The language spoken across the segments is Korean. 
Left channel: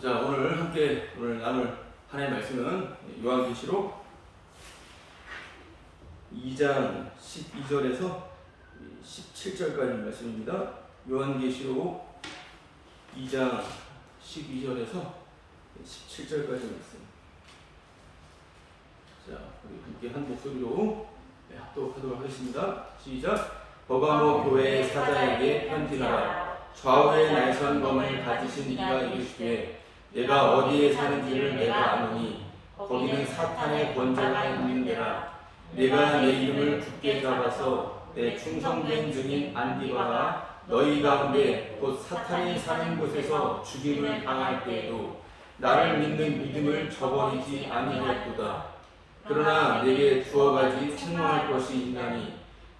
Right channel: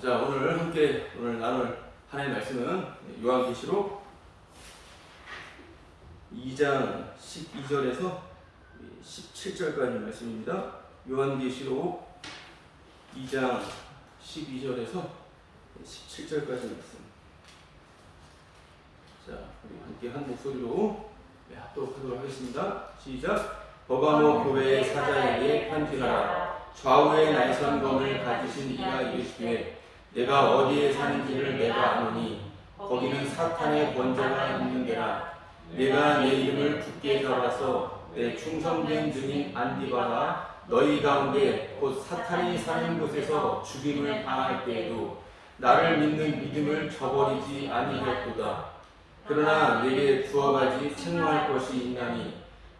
자, 오늘 나눌 하나님의 말씀은 요한계시록 2장 12절에서 17절까지 말씀입니다. 요한계시록 2장 12절에서 17절까지 말씀. 자, 우리 함께 한 목소리로 합독하도록 하겠습니다. 시작. 버가모 교회의 사자에게 편지하라. 좌우에 날선 검을 가지신 이가 이르시되 내가 어디에 사는지를 내가 아노니 거기는 사탄의 권세가 있는 데라. 내가 내 이름을 굳게 잡아서 내 충성된 증인 안디바가 너희 가운데 곧 사탄이 사는 곳에서 죽임을 당할 때에도 나를 믿는 믿음을 저버리지 아니하였도다. 그러나 내게 두어 가지 책망할 것이 있나니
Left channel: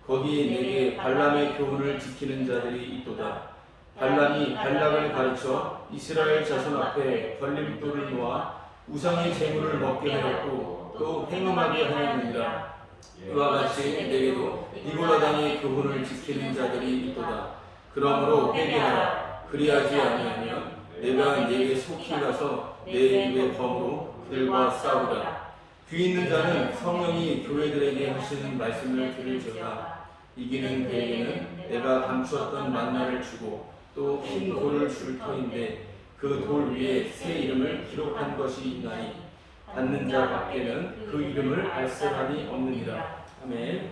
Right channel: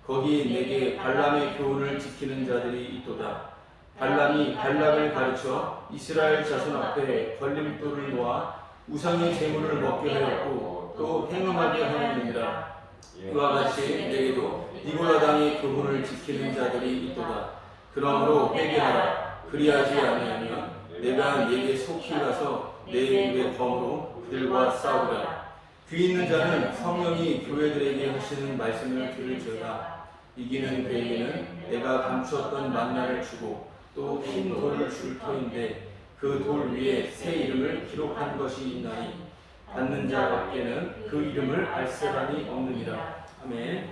거기 내게 발람의 교훈을 지키는 자들이 있도다. 발람이 발락을 가르쳐 이스라엘 자손 앞에 걸림돌을 놓아 우상의 제물을 먹게 하였고 또 행음하게 하였느니라. 이와 같이 내게도 니골라당의 교훈을 지키는 자들이 있도다. 그러므로 회개하라. 그리하지 아니하면 내가 네게 속히 가서 내 입의 검으로 그들과 싸우리라. 귀 있는 자는 성령이 교회들에게 하시는 말씀을 들을지어다. 이기는 그에게는 내가 감추었던 만나를 주고 또 흰 돌을 줄 터인데 그 돌 위에 새 이름을 기록한 것이 있나니 받는 자 밖에는 그 이름을 알 사람이 없느니라. 아멘.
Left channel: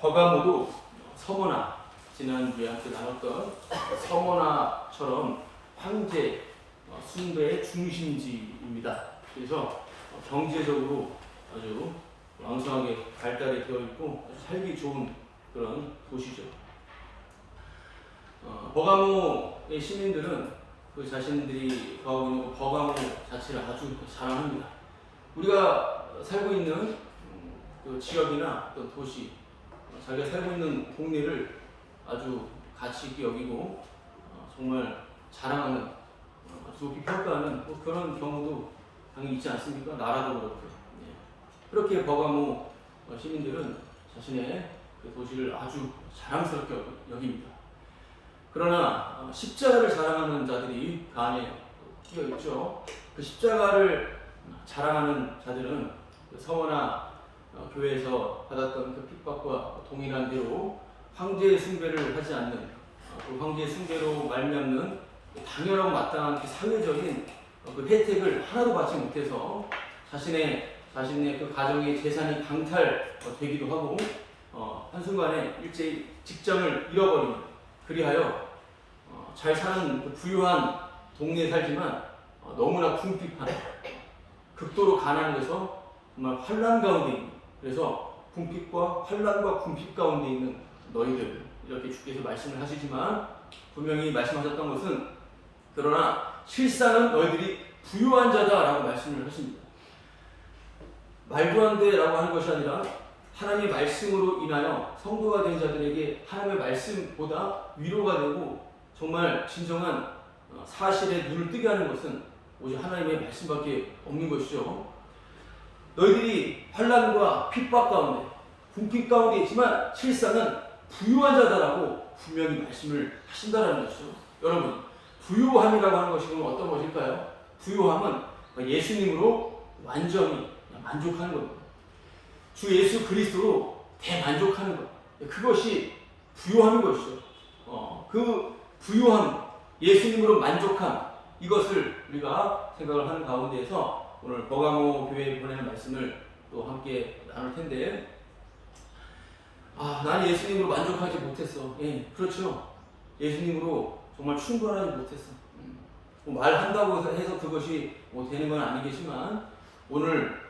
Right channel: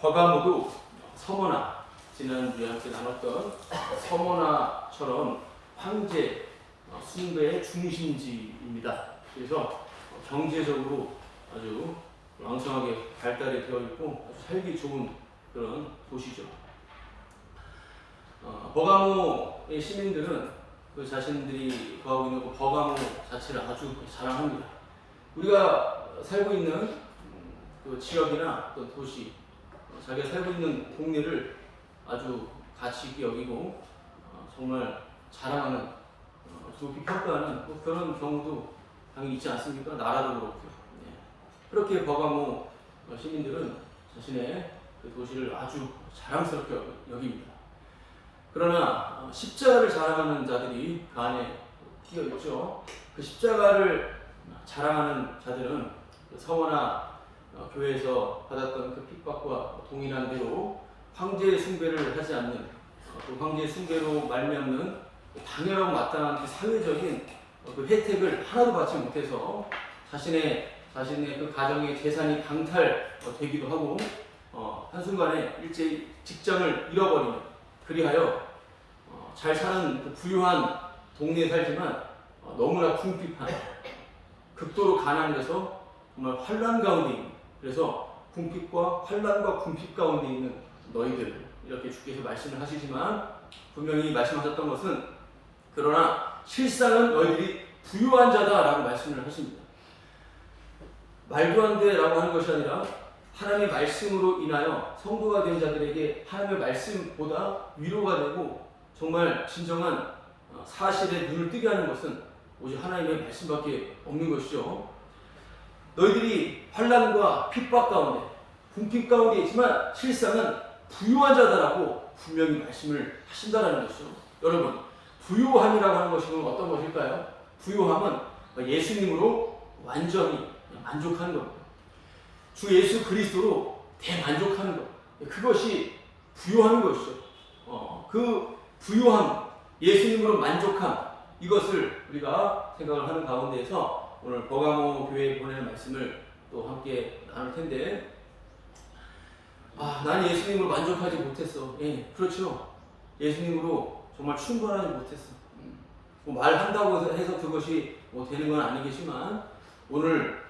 버가모도 서머나, 지난주에 함께 나눴던 서머나처럼 황제 숭배의 중심지입니다. 그래서 경제적으로 아주 왕성하게 발달이 되어 있고 아주 살기 좋은 그런 도시죠. 버가모의 시민들은 그 자신들이 거하고 있는 그 버가모 자체를 아주 자랑합니다. 우리가 살고 있는 그 지역이나 또 도시, 자기가 살고 있는 동네를 아주 가치 있게 여기고 정말 자랑하는, 아주 높이 평가하는 뭐 그런 경우도 당연히 있지 않습니까? 나라도 그렇고요. 네. 그렇게 버가모 시민들은 자신의 그 도시를 아주 자랑스럽게 여깁니다. 그러나 십자가를 자랑하는 자들이 그 안에 끼어 있죠. 그 십자가를 자랑하는 자들은 그 서머나 교회에서 받았던 그 핍박과 동일한 대로 황제 숭배를 하지 않는, 그 황제 숭배로 말미암는 당연하고 마땅한 그 사회적인 그 혜택을 하나도 받지 못해서 자신의 그 가정의 재산이 강탈되기도 하고 한순간에 일제히 직장을 잃어버리는, 그리하여 잘 사는 그 부유한 동네에 살지만 너무나 궁핍한, 극도로 가난해서 정말 환난 가운데 있는, 그래서 궁핍과 환난과 궁핍 가운데 있는 너희들, 이렇게 주께서 말씀을 하시지만 분명히 말씀하셨던 것은 그러나 실상은 너희들이 부유한 자다라고 말씀을 하십니다. 말도 안 돼라고 하는 것이 아니라 하나님의 말씀으로 인하여 성도가 된 자들에게 하나님의 말씀보다 위로가 되고 정말 진정한 사실에 눈을 뜨게 하는 것은 오직 하나님의 말씀밖에 없는 것이죠. 너희들이 환난과 핍박 가운데, 궁핍 가운데 있지만 실상은 부유한 자다라고 분명히 말씀을 하신다는 것이죠. 여러분, 부유함이라고 하는 것이 그럼 어떤 것일까요? 부유함은 예수님으로 완전히 만족하는 겁니다. 주 예수 그리스도로 대만족하는 것, 그것이 부유함인 것이죠. 그 부유함, 예수님으로 만족함, 이것을 우리가 생각을 하는 가운데에서 오늘 버가모 교회에 보내는 말씀을 또 함께 나눌 텐데, 난 예수님으로 만족하지 못했어. 예, 그렇죠. 예수님으로 정말 충분하지 못했어. 뭐 말한다고 해서 그것이 뭐 되는 건 아니겠지만 오늘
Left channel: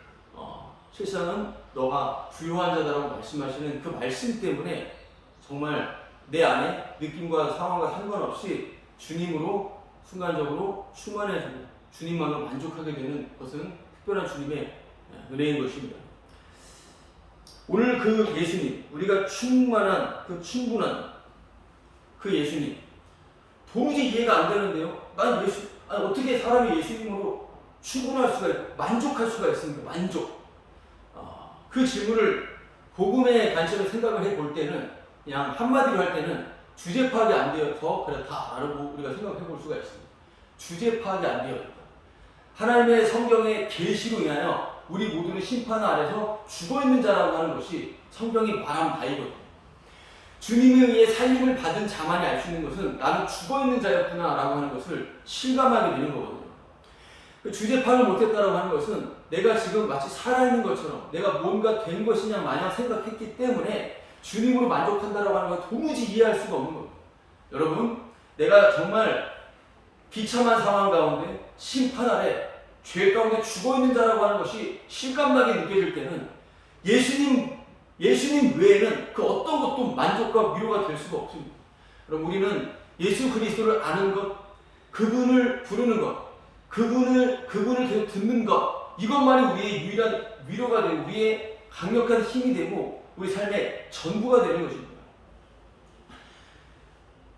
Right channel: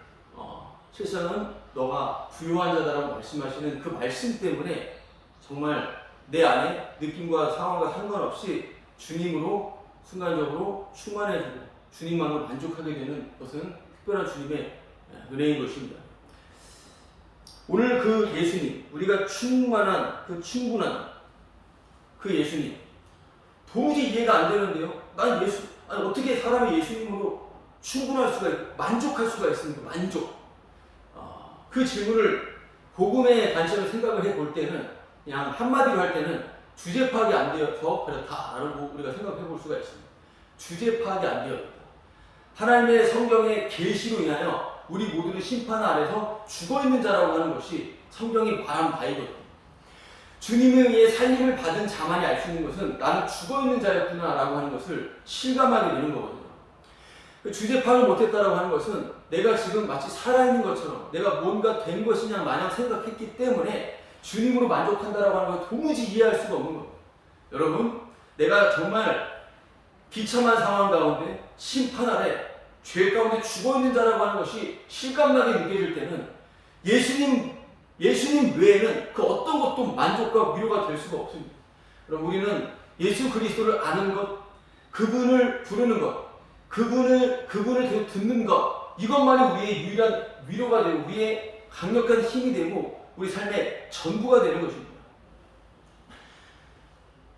실상은 너가 부유한 자다라고 말씀하시는 그 말씀 때문에 정말 내 안에 느낌과 상황과 상관없이 주님으로 순간적으로 충만해지고 주님만으로 만족하게 되는 것은 특별한 주님의 은혜인 것입니다. 오늘 그 예수님, 우리가 충만한, 그 충분한 그 예수님, 도무지 이해가 안 되는데요. 어떻게 사람이 예수님으로 충분할 수가 있고 만족할 수가 있습니까? 만족. 그 질문을 복음의 관점에서 생각을 해볼 때는, 그냥 한마디로 할 때는 주제 파악이 안 되어서 그렇다라고 우리가 생각해 볼 수가 있습니다. 주제 파악이 안 되어 있다. 하나님의 성경의 계시로 인하여 우리 모두는 심판 아래서 죽어있는 자라고 하는 것이 성경이 말한 바이거든요. 주님에 의해 살림을 받은 자만이 알 수 있는 것은 나는 죽어있는 자였구나 라고 하는 것을 실감하게 되는 거거든요. 주제 파악을 못했다라고 하는 것은 내가 지금 마치 살아있는 것처럼 내가 뭔가 된 것이냐 마냥 생각했기 때문에 주님으로 만족한다라고 하는 걸 도무지 이해할 수가 없는 겁니다. 여러분, 내가 정말 비참한 상황 가운데 심판 아래 죄 가운데 죽어있는 자라고 하는 것이 실감나게 느껴질 때는 예수님 외에는 그 어떤 것도 만족과 위로가 될 수가 없습니다. 그럼 우리는 예수 그리스도를 아는 것, 그분을 부르는 것, 그분을 계속 듣는 것, 이것만이 우리의 유일한 위로가 되고 우리의 강력한 힘이 되고 우리 삶의 전부가 되는 것입니다.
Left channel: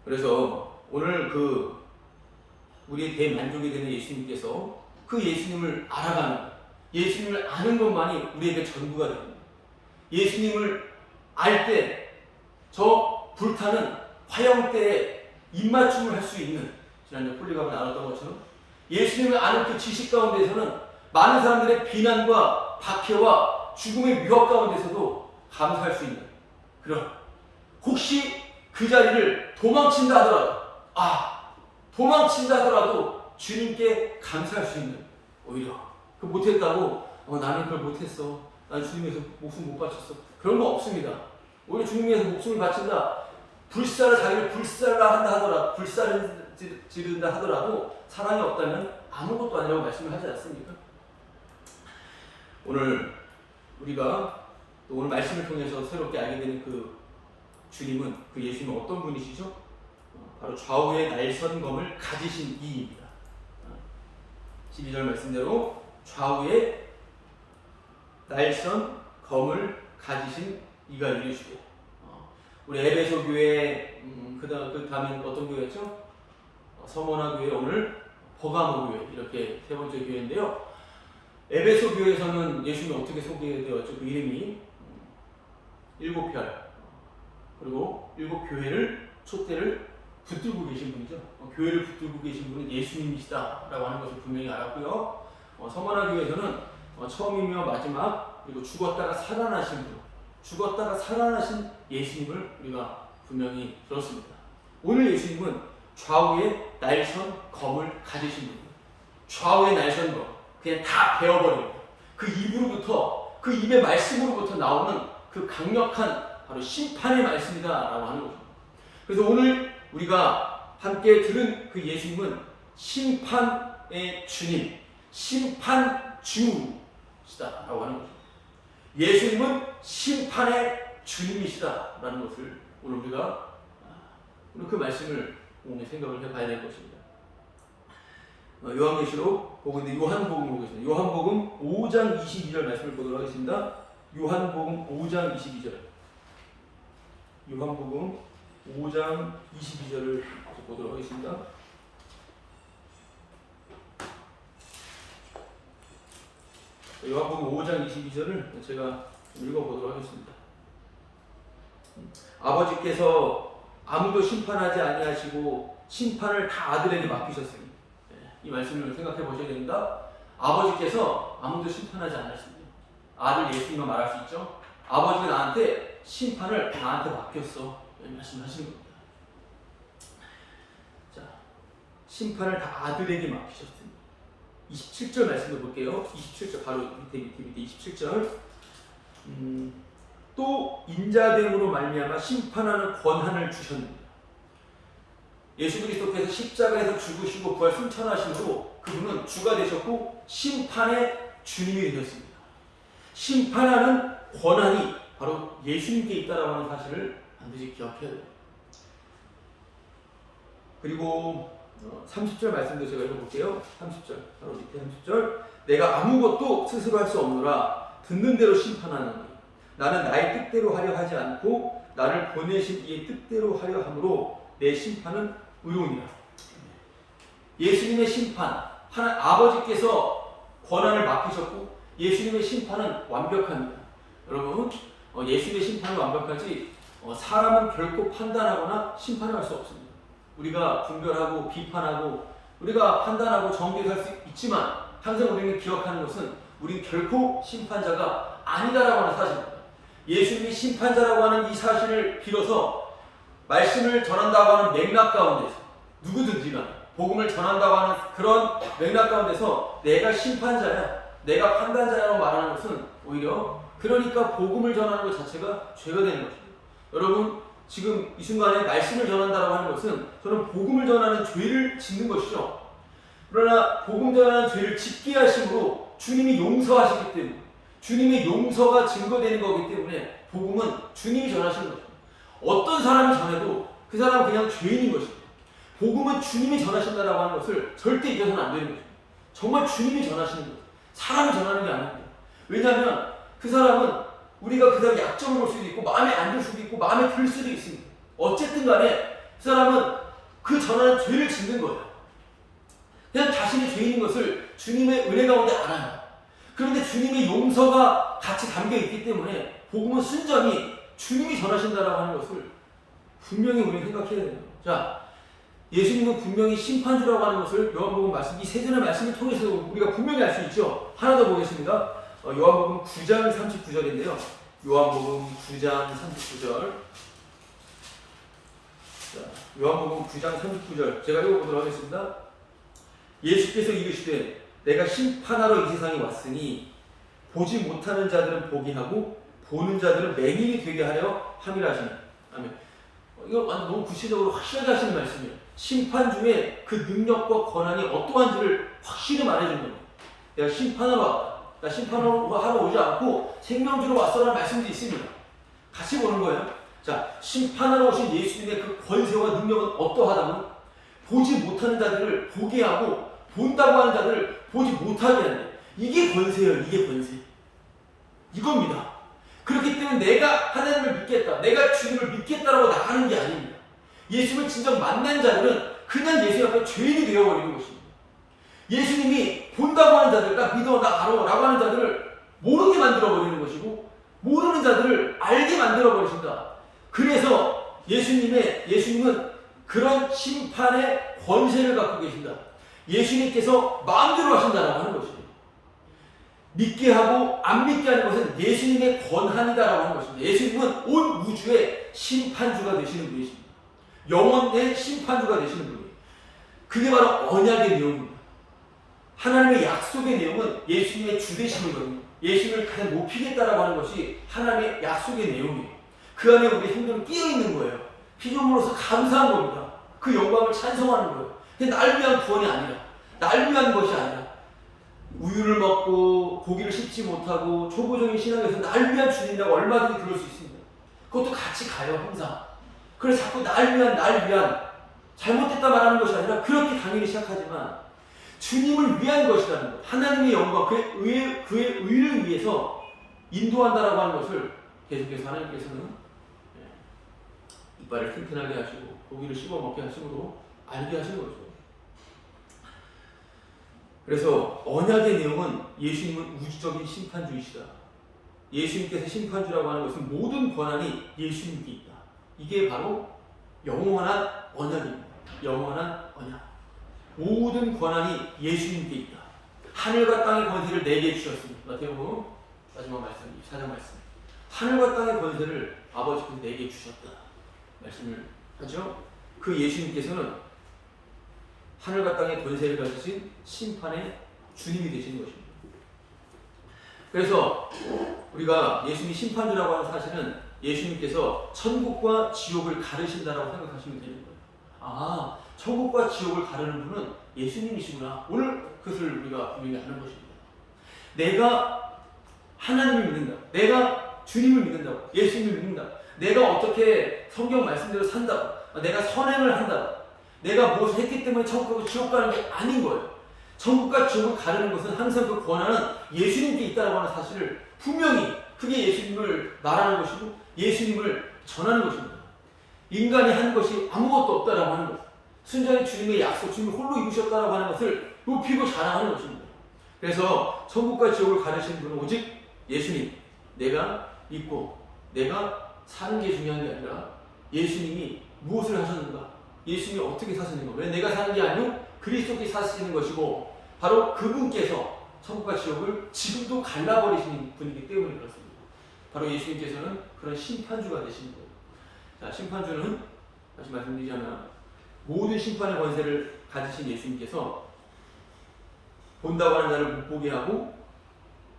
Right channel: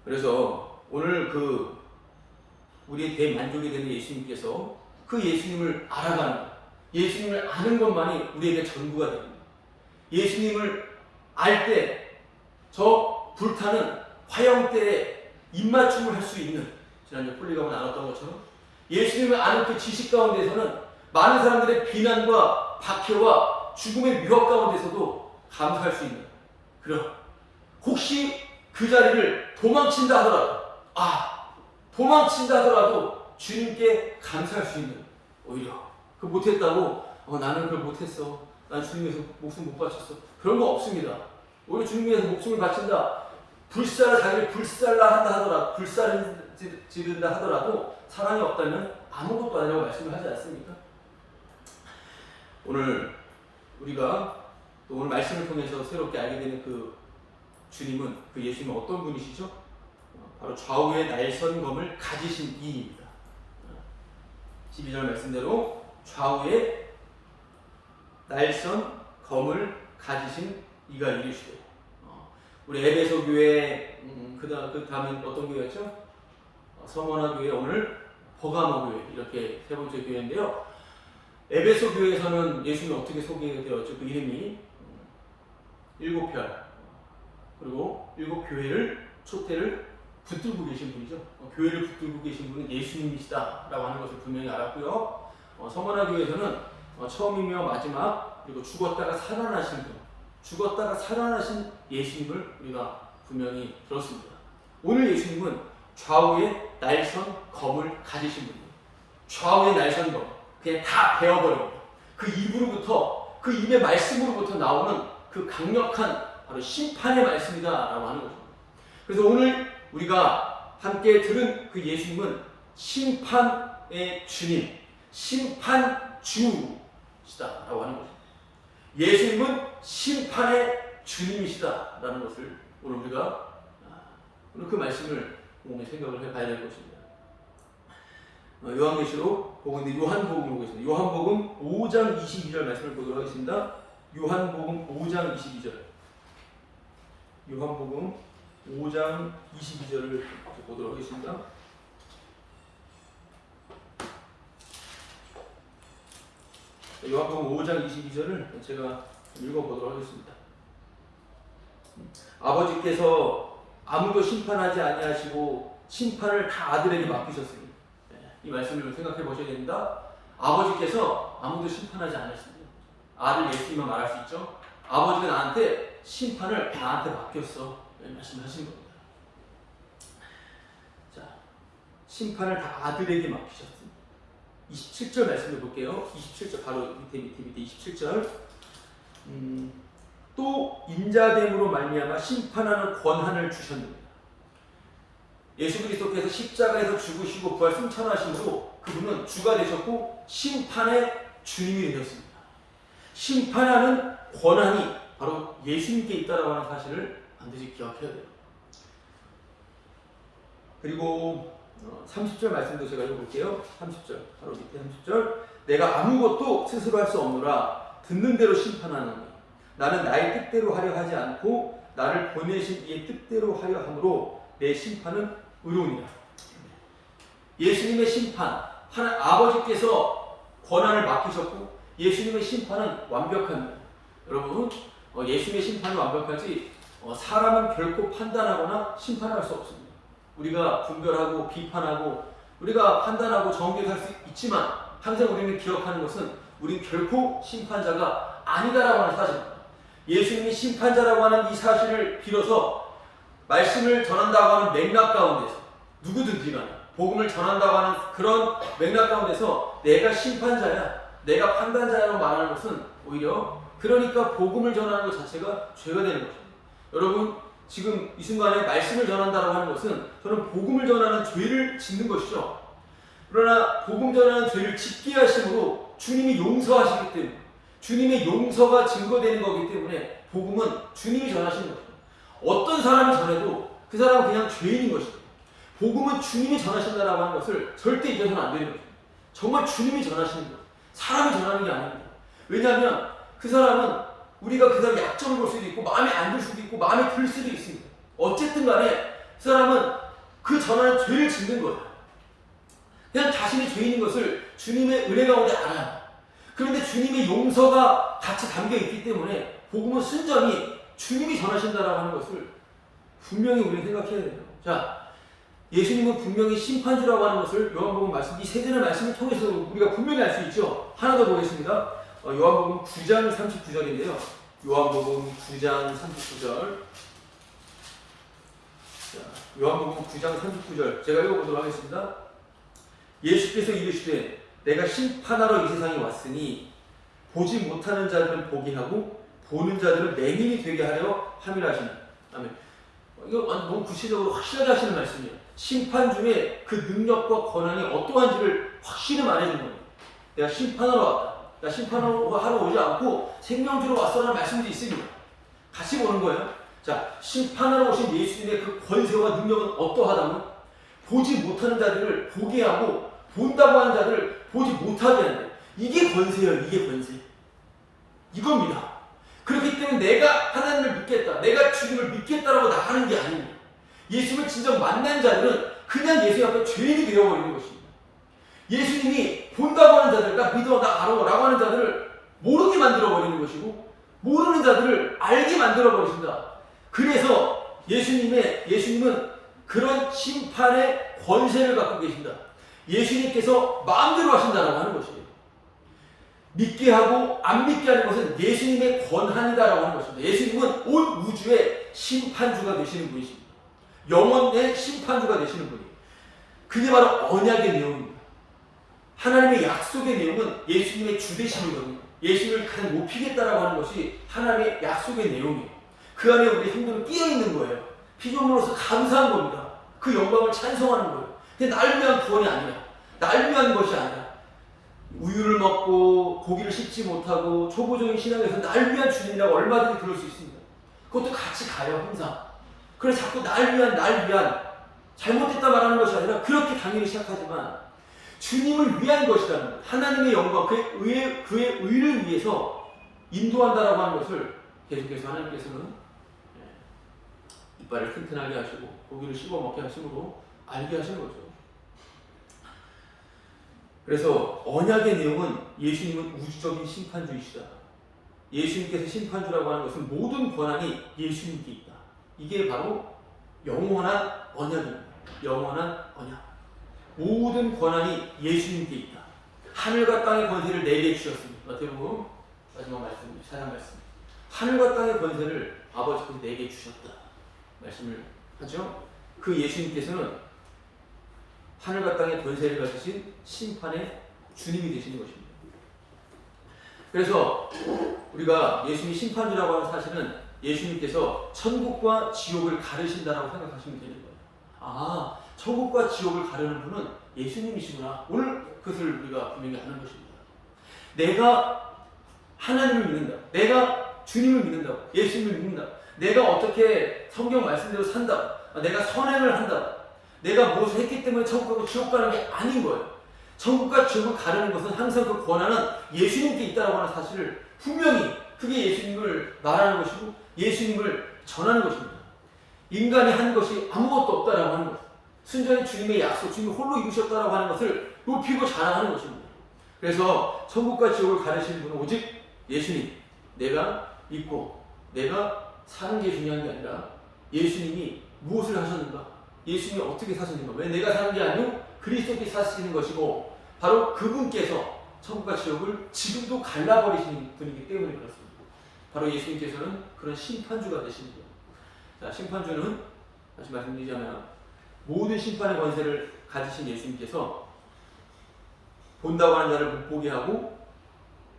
그래서 오늘 우리의 대만족이 되는 예수님께서 그 예수님을 알아가는 것, 예수님을 아는 것만이 우리에게 전부가 됩니다. 예수님을 알 때 저 불타는 화형대에 입맞춤을 할 수 있는, 지난주 폴리가가 나눴던 것처럼 예수님을 아는 그 지식 가운데서는 많은 사람들의 비난과 박해와 죽음의 위협 가운데서도 감사할 수 있는 그런, 혹시 그 자리를 도망친다 하더라도 주님께 감사할 수 있는, 오히려 그 못했다고 나는 그걸 못했어, 난 주님 위해서 목숨 못 바쳤어, 그런 거 없습니다. 오히려 주님 위해서 목숨을 바친다, 자기를 불살을 지른다 하더라도 사랑이 없다면 아무것도 아니라고 말씀을 하지 않습니까? 오늘 우리가 또 오늘 말씀을 통해서 새롭게 알게 되는 그 주님은, 그 예수님은 어떤 분이시죠? 바로 좌우의 날선검을 가지신 이입니다. 12절 말씀대로 좌우에 날선검을 가지신 이가 이르시되, 우리 에베소 교회, 그 다음에 어떤 교회였죠? 서머나 교회, 오늘 버가모 교회, 이렇게 세 번째 교회인데요. 에베소 교회에서는 예수님이 어떻게 소개되었죠? 그 이름이 7별, 그리고 7교회를 촛대를 붙들고 계신 분이죠. 교회를 붙들고 계신 분은 예수님이시다라고 하는 것을 분명히 알았고요. 서머나 교회에서는 처음이며 마지막, 그리고 죽었다가 살아나신 분, 죽었다가 살아나신 예수님을 우리가 분명히 들었습니다. 오늘 예수님은 좌우의 날선 검을 가지신 분이에요. 좌우의 날선 검, 그냥 다 베어버립니다. 그 입으로부터, 그 입의 말씀으로부터 나오는 그 강력한 바로 심판의 말씀이다라고 하는 것입니다. 그래서 오늘 우리가 함께 들은 그 예수님은 심판의 주님, 심판주시다라고 하는 것입니다. 예수님은 심판의 주님이시다라는 것을 오늘 우리가 오늘 그 말씀을 오늘 생각을 해봐야 될 것입니다. 요한계시록 보고인데 요한복음 보겠습니다. 요한복음 5장 22절 말씀을 보도록 하겠습니다. 요한복음 5장 22절. 요한복음 5장 22절을 보도록 하겠습니다. 요한복음 5장 22절을 제가 읽어보도록 하겠습니다. 아버지께서 아무도 심판하지 아니하시고 심판을 다 아들에게 맡기셨으니, 이 말씀을 생각해 보셔야 됩니다. 아버지께서 아무도 심판하지 않으십니다. 아들 예수님만 말할 수 있죠. 아버지가 나한테 심판을 나한테 맡겼어, 말씀하시는 겁니다. 자, 심판을 다 아들에게 맡기셨으니. 27절 말씀을 볼게요. 27절 바로 밑에 27절. 또 인자됨으로 말미암아 심판하는 권한을 주셨느니라. 예수 그리스도께서 십자가에서 죽으시고 부활 승천하심으로 그분은 주가 되셨고 심판의 주님이 되셨습니다. 심판하는 권한이 바로 예수님께 있다라고 하는 사실을 반드시 기억해야 돼요. 그리고 30절 말씀도 제가 읽어볼게요. 30절 바로 밑에 30절. 내가 아무것도 스스로 할 수 없노라. 듣는 대로 심판하노니 나는 나의 뜻대로 하려 하지 않고 나를 보내신 이의 뜻대로 하려 함으로 내 심판은 의로우니라. 예수님의 심판, 하나님 아버지께서 권한을 맡기셨고 예수님의 심판은 완벽합니다. 여러분, 예수님의 심판은 완벽하지 사람은 결코 판단하거나 심판할 수 없습니다. 우리가 분별하고 비판하고 우리가 판단하고 정죄할 수 있지만 항상 우리는 기억하는 것은 우린 결코 심판자가 아니다라고 하는 사실입니다. 예수님이 심판자라고 하는 이 사실을 빌어서 말씀을 전한다고 하는 맥락 가운데서 누구든지 간에 복음을 전한다고 하는 그런 맥락 가운데서 내가 심판자야, 내가 판단자라고 말하는 것은 오히려 그러니까 복음을 전하는 것 자체가 죄가 되는 것입니다. 여러분 지금 이 순간에 말씀을 전한다고 하는 것은 저는 복음을 전하는 죄를 짓는 것이죠. 그러나 복음 전하는 죄를 짓게 하심으로 주님이 용서하시기 때문에 주님의 용서가 증거되는 거기 때문에 복음은 주님이 전하시는 것입니다. 어떤 사람이 전해도 그 사람은 그냥 죄인인 것입니다. 복음은 주님이 전하신다라고 하는 것을 절대 잊어서는 안 되는 것입니다. 정말 주님이 전하시는 것, 사람이 전하는 게 아닙니다. 왜냐하면 그 사람은 우리가 그 사람 약점을 볼 수도 있고 마음에 안 들 수도 있고 마음에 들 수도 있습니다. 어쨌든 간에 그 사람은 그 전하는 죄를 짓는 거예요. 그냥 자신이 죄인인 것을 주님의 은혜 가운데 알아요. 그런데 주님의 용서가 같이 담겨 있기 때문에 복음은 순전히 주님이 전하신다라고 하는 것을 분명히 우리는 생각해야 돼요. 자, 예수님은 분명히 심판주라고 하는 것을 요한복음 말씀, 이 세 전의 말씀을 통해서 우리가 분명히 알 수 있죠. 하나 더 보겠습니다. 요한복음 9장 39절인데요. 요한복음 9장 39절. 자, 요한복음 9장 39절. 제가 읽어보도록 하겠습니다. 예수께서 이르시되 내가 심판하러 이 세상에 왔으니 보지 못하는 자들은 보게 하고 보는 자들은 맹인이 되게 하려 함이라 하시니. 아멘. 이거 완전 너무 구체적으로 확실하게 하시는 말씀이에요. 심판 중에 그 능력과 권한이 어떠한지를 확실히 말해주는 겁니다. 내가 심판하러 왔다. 나 심판하러 오지 않고 생명주로 왔어라는 말씀도 있습니다. 같이 보는 거예요. 자, 심판하러 오신 예수님의 그 권세와 능력은 어떠하다고요? 보지 못하는 자들을 보게 하고 본다고 하는 자들을 보지 못하게 한대. 이게 권세예요. 이게 권세. 이겁니다. 그렇기 때문에 내가 하나님을 믿겠다, 내가 주님을 믿겠다라고 나가는 게 아닙니다. 예수님을 진정 만난 자들은 그냥 예수님 앞에 죄인이 되어버리는 것입니다. 예수님이 본다고 하는 자들, 나 믿어, 나 알아 라고 하는 자들을 모르게 만들어버리는 것이고 모르는 자들을 알게 만들어버리신다. 그래서 예수님은 그런 심판의 권세를 갖고 계신다. 예수님께서 마음대로 하신다라고 하는 것이에요. 믿게 하고 안 믿게 하는 것은 예수님의 권한이다라고 하는 것입니다. 예수님은 온 우주의 심판주가 되시는 분이십니다. 영원의 심판주가 되시는 분이에요. 그게 바로 언약의 내용입니다. 하나님의 약속의 내용은 예수님의 주되심이거든요. 예수님을 가장 높이겠다라고 하는 것이 하나님의 약속의 내용이에요. 그 안에 우리 성도는 끼어있는 거예요. 피조물로서 감사한 겁니다. 그 영광을 찬송하는 거예요. 그게 날 위한 구원이 아니라, 날 위한 것이 아니라, 우유를 먹고 고기를 씹지 못하고 초보적인 신앙에서 날 위한 주님이라고 얼마든지 그럴 수 있습니다. 그것도 같이 가요, 항상. 그래서 자꾸 날 위한 잘못됐다 말하는 것이 아니라 그렇게 당연히 시작하지만 주님을 위한 것이라는 것, 하나님의 영광, 그의 의를 위해서 인도한다라고 하는 것을 계속해서 하나님께서는 이빨을 튼튼하게 하시고 고기를 씹어 먹게 하심으로 알게 하시는 거죠. 그래서 언약의 내용은 예수님은 우주적인 심판주이시다. 예수님께서 심판주라고 하는 것은 모든 권한이 예수님께 있다. 이게 바로 영원한 언약입니다. 영원한 언약. 모든 권한이 예수님께 있다. 하늘과 땅의 권세를 내게 주셨습니다. 마태복음 마지막 말씀, 4장 말씀. 하늘과 땅의 권세를 아버지께서 내게 주셨다. 말씀을 하죠. 그 예수님께서는 하늘과 땅의 권세를 가지신 심판의 주님이 되시는 것입니다. 그래서 우리가 예수님이 심판주라고 하는 사실은 예수님께서 천국과 지옥을 가르신다라고 생각하시면 되는 거예요. 아, 천국과 지옥을 가르는 분은 예수님이시구나. 오늘 그것을 우리가 분명히 아는 것입니다. 내가 하나님을 믿는다. 내가 주님을 믿는다. 예수님을 믿는다. 내가 어떻게 성경 말씀대로 산다. 내가 선행을 한다. 내가 무엇을 했기 때문에 천국 가고 지옥 가는 게 아닌 거예요. 천국과 지옥을 가르는 것은 항상 그 권한은 예수님께 있다고 하는 사실을 분명히 그게 예수님을 말하는 것이고 예수님을 전하는 것입니다. 인간이 한 것이 아무것도 없다라고 하는 것, 순전히 주님의 약속, 주님이 홀로 이루셨다라고 하는 것을 높이고 자랑하는 것입니다. 그래서 천국과 지옥을 가르치는 분은 오직 예수님, 내가 믿고 내가 사는 게 중요한 게 아니라 예수님이 무엇을 하셨는가, 예수님이 어떻게 사셨는가, 왜 내가 사는 게 아니고 그리스도께서 사시는 것이고 바로 그분께서 천국과 지옥을 지금도 갈라버리시는 분이기 때문에 그렇습니다. 바로 예수님께서는 그런 심판주가 되시는 거예요. 자, 심판주는 다시 말씀드리자면 모든 심판의 권세를 가지신 예수님께서 본다고 하는 자를 못 보게 하고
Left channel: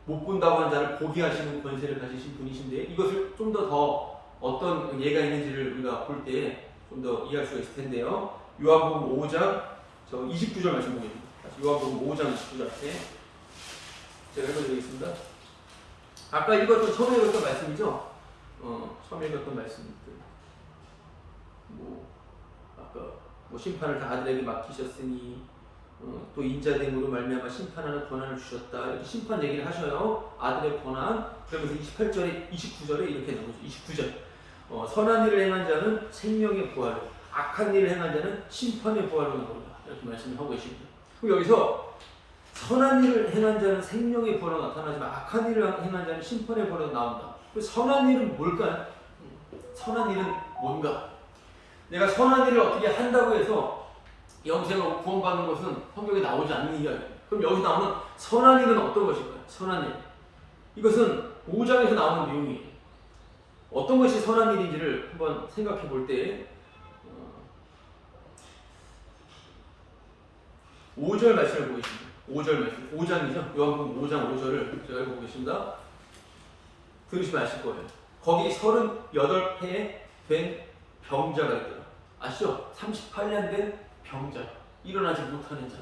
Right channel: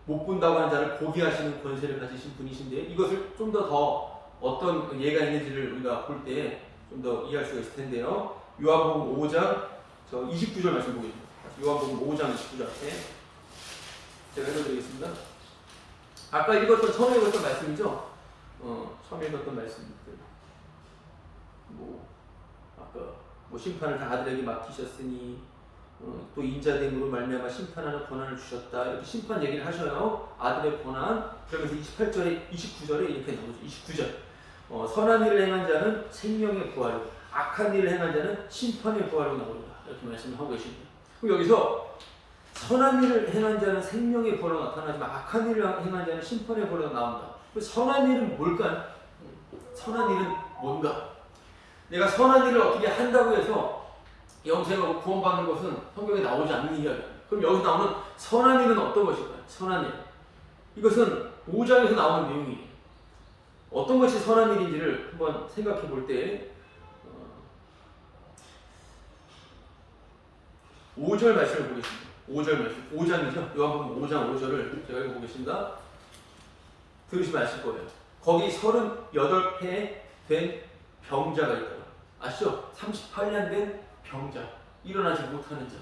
못 본다고 하는 자를 보게 하시는 권세를 가지신 분이신데 이것을 좀 더 어떤 예가 있는지를 우리가 볼 때 좀 더 이해할 수가 있을 텐데요. 요한복음 5장 29절 말씀 보겠습니다. 다시 요한복음 5장 29절 앞에 제가 읽어드리겠습니다. 아까 읽었던 처음에 읽었던 말씀이죠. 처음에 읽었던 말씀들. 아까 심판을 다 아들에게 맡기셨으니 또 인자됨으로 말미암아 심판하는 권한을 주셨다. 이렇게 심판 얘기를 하셔요. 아들의 권한. 그러면서 28절에 29절에 이렇게 나오죠. 29절. 선한 일을 행한 자는 생명의 부활로, 악한 일을 행한 자는 심판의 부활로 나오리라. 이렇게 말씀을 하고 계십니다. 그럼 여기서 선한 일을 행한 자는 생명의 부활로 나타나지만 악한 일을 행한 자는 심판의 부활로 나온다. 선한 일은 뭘까요? 선한 일은 뭔가? 내가 선한 일을 어떻게 한다고 해서 영생하고 구원받는 것은 성경에 나오지 않는 이야기예요. 그럼 여기서 나오는 선한 일은 어떤 것일까요? 선한 일. 이것은 5장에서 나오는 내용이에요. 어떤 것이 선한 일인지를 한번 생각해 볼 때 5절 말씀을 보겠습니다. 5절 말씀. 5장이죠. 요한복음 5장 5절을 제가 읽어보겠습니다. 들으시면 아실 거예요. 거기 38회 된 병자가 있더라. 아시죠? 38년 된 병자. 일어나지 못하는 자.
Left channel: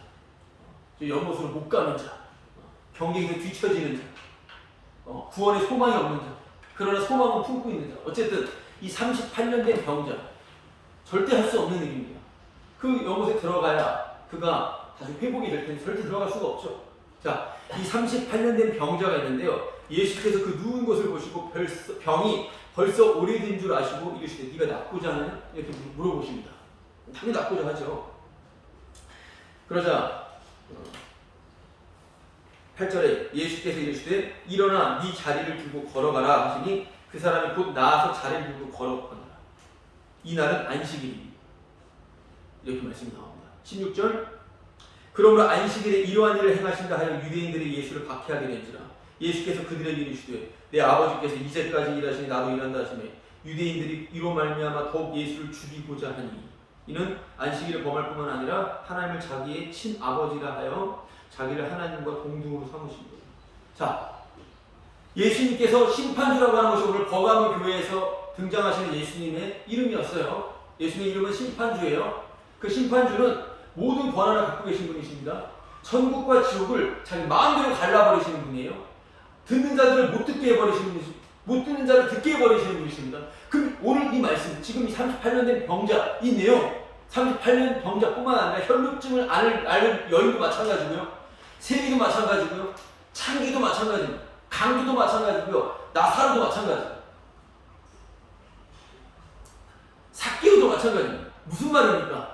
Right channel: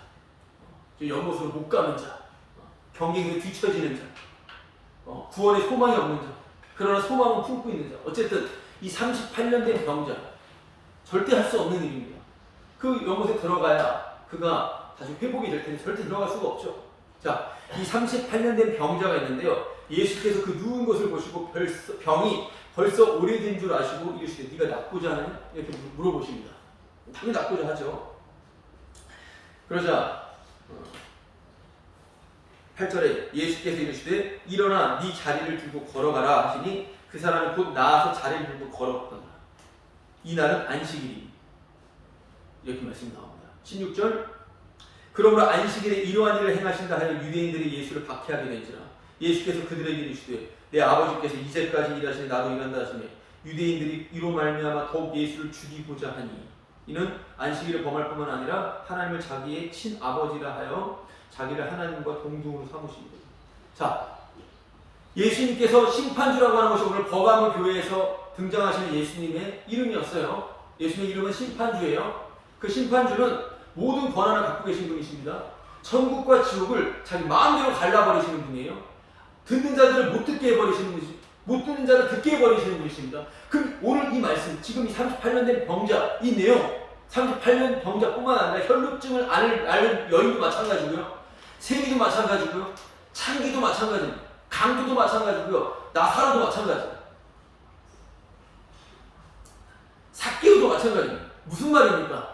연못으로 못 가는 자. 경계에서 뒤처지는 자. 구원의 소망이 없는 자. 그러나 소망은 품고 있는 자. 어쨌든 이 38년 된 병자. 절대 할 수 없는 일입니다. 그 연못에 들어가야 그가 다시 회복이 될 텐데 절대 들어갈 수가 없죠. 자, 이 38년 된 병자가 있는데요. 예수께서 그 누운 것을 보시고 병이 벌써 오래된 줄 아시고 이르시되 네가 낫고자 하느냐? 이렇게 물어보십니다. 당연히 낫고자 하죠. 그러자 8절에 예수께서 이르시되 일어나 네 자리를 들고 걸어가라 하시니 그 사람이 곧 나아서 자리를 들고 걸어간다. 이 날은 안식일이니 이렇게 말씀이 나옵니다. 16절 그러므로 안식일에 이러한 일을 행하신다 하여 유대인들이 예수를 박해하게 된지라 예수께서 그들에게 이르시되 내 아버지께서 이제까지 일하시니 나도 일한다 하시매 유대인들이 이로 말미암아 더욱 예수를 죽이고자 하니 이는 안식일을 범할 뿐만 아니라 하나님을 자기의 친아버지라 하여 자기를 하나님과 동등으로 삼으십니다. 자, 예수님께서 심판주라고 하는 것이 오늘 버가모 교회에서 등장하시는 예수님의 이름이었어요. 예수님의 이름은 심판주예요. 그 심판주는 모든 권한을 갖고 계신 분이십니다. 천국과 지옥을 자기 마음대로 갈라버리시는 분이에요. 듣는 자들을 못 듣게 해버리시는 분이십니다. 못 듣는 자를 듣게 해버리시는 분이십니다. 그럼 오늘 이 말씀, 지금 이 38년 된 병자, 이 내용, 38년 병자뿐만 아니라 혈루증을 앓는 여인도 마찬가지고요. 세리도 마찬가지고요. 창기도 마찬가지입니다. 강기도 마찬가지고요. 나사로도 마찬가지입니다. 삭개오도 마찬가지입니다. 무슨 말입니까?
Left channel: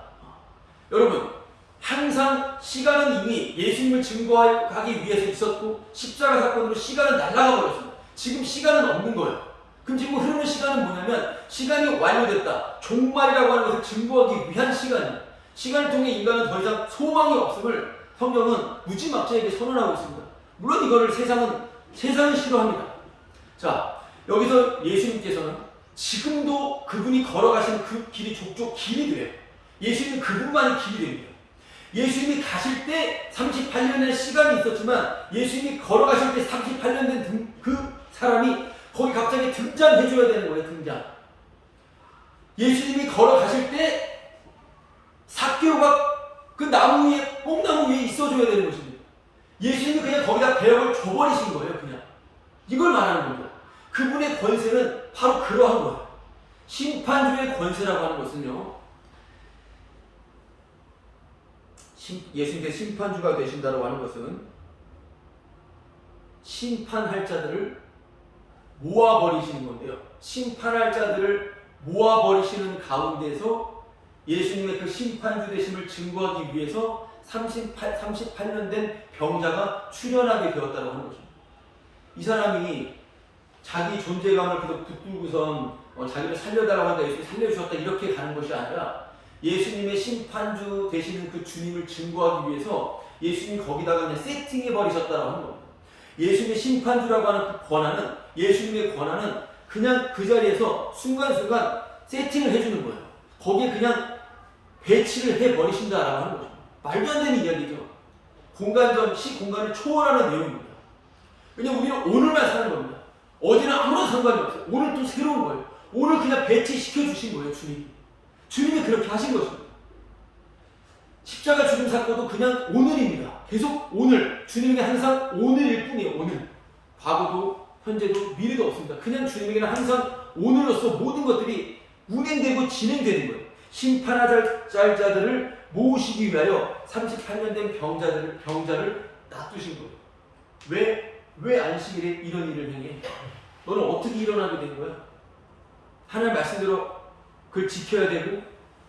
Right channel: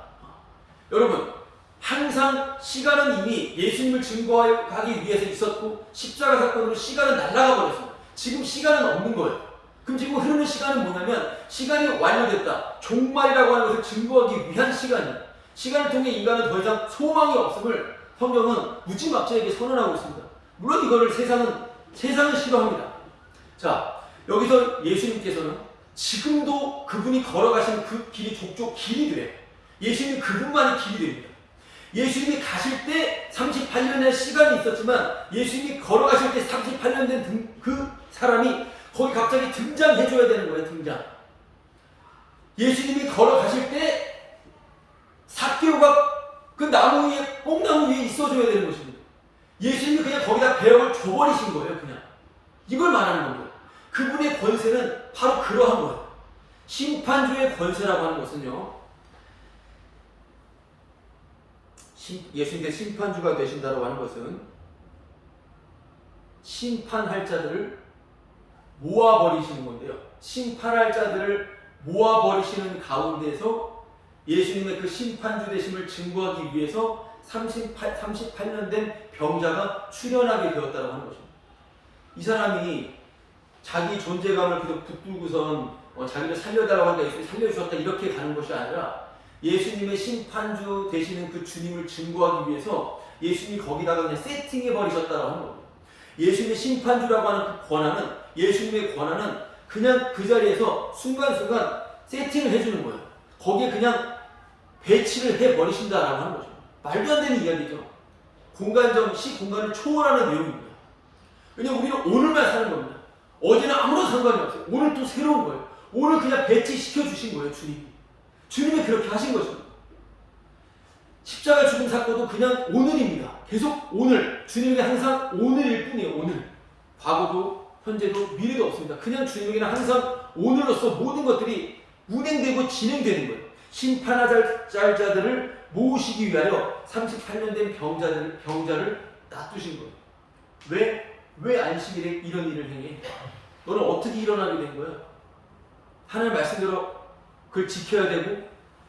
여러분, 항상 시간은 이미 예수님을 증거하기 위해서 있었고 십자가 사건으로 시간은 날아가 버렸습니다. 지금 시간은 없는 거예요. 그럼 지금 흐르는 시간은 뭐냐면 시간이 완료됐다. 종말이라고 하는 것을 증거하기 위한 시간입니다. 시간을 통해 인간은 더 이상 소망이 없음을 성경은 무지막지하게 선언하고 있습니다. 물론 이거를 세상은 싫어합니다. 자, 여기서 예수님께서는 지금도 그분이 걸어가시는 그 길이 족족 길이 돼요. 예수님은 그분만이 길이 됩니다. 예수님이 가실 때 38년의 시간이 있었지만 예수님이 걸어가실 때 38년 된 그 사람이 거기 갑자기 등장해줘야 되는 거예요. 등장. 예수님이 걸어가실 때 삭개오가 그 나무 위에, 뽕나무 위에 있어줘야 되는 것입니다. 예수님이 그냥 거기다 배역을 줘버리신 거예요. 그냥. 이걸 말하는 겁니다. 그분의 권세는 바로 그러한 거예요. 심판주의 권세라고 하는 것은요. 예수님께서 심판주가 되신다고 하는 것은 심판할 자들을 모아버리시는 건데요. 심판할 자들을 모아버리시는 가운데서 예수님의 그 심판주 되심을 증거하기 위해서 38년 된 병자가 출현하게 되었다고 하는 것입니다. 이 사람이 자기 존재감을 계속 붙들고선 자기를 살려달라고 하니까 예수님이 살려주셨다 이렇게 가는 것이 아니라 예수님의 심판주 되시는 그 주님을 증거하기 위해서 예수님이 거기다가 그냥 세팅해 버리셨다고 하는 겁니다. 예수님의 심판주라고 하는 그 권한은, 예수님의 권한은 그냥 그 자리에서 순간순간 세팅을 해주는 거예요. 거기에 그냥 배치를 해 버리신다라고 하는 거죠. 말도 안 되는 이야기죠. 공간점 시공간을 초월하는 내용입니다. 왜냐면 우리는 오늘만 사는 겁니다. 어제는 아무런 상관이 없어요. 오늘 또 새로운 거예요. 오늘 그냥 배치시켜 주신 거예요, 주님이. 주님이 그렇게 하신 것입니다. 십자가 죽음 사건도 그냥 오늘입니다. 계속 오늘. 주님에게 항상 오늘일 뿐이에요, 오늘. 과거도, 현재도, 미래도 없습니다. 그냥 주님에게는 항상 오늘로서 모든 것들이 운행되고 진행되는 거예요. 심판할 자들을 모으시기 위하여 38년 된 병자를 놔두신 거예요. 왜 안식일에 이런 일을 행해? 너는 어떻게 일어나게 된 거야? 하나님 말씀대로 그걸 지켜야 되고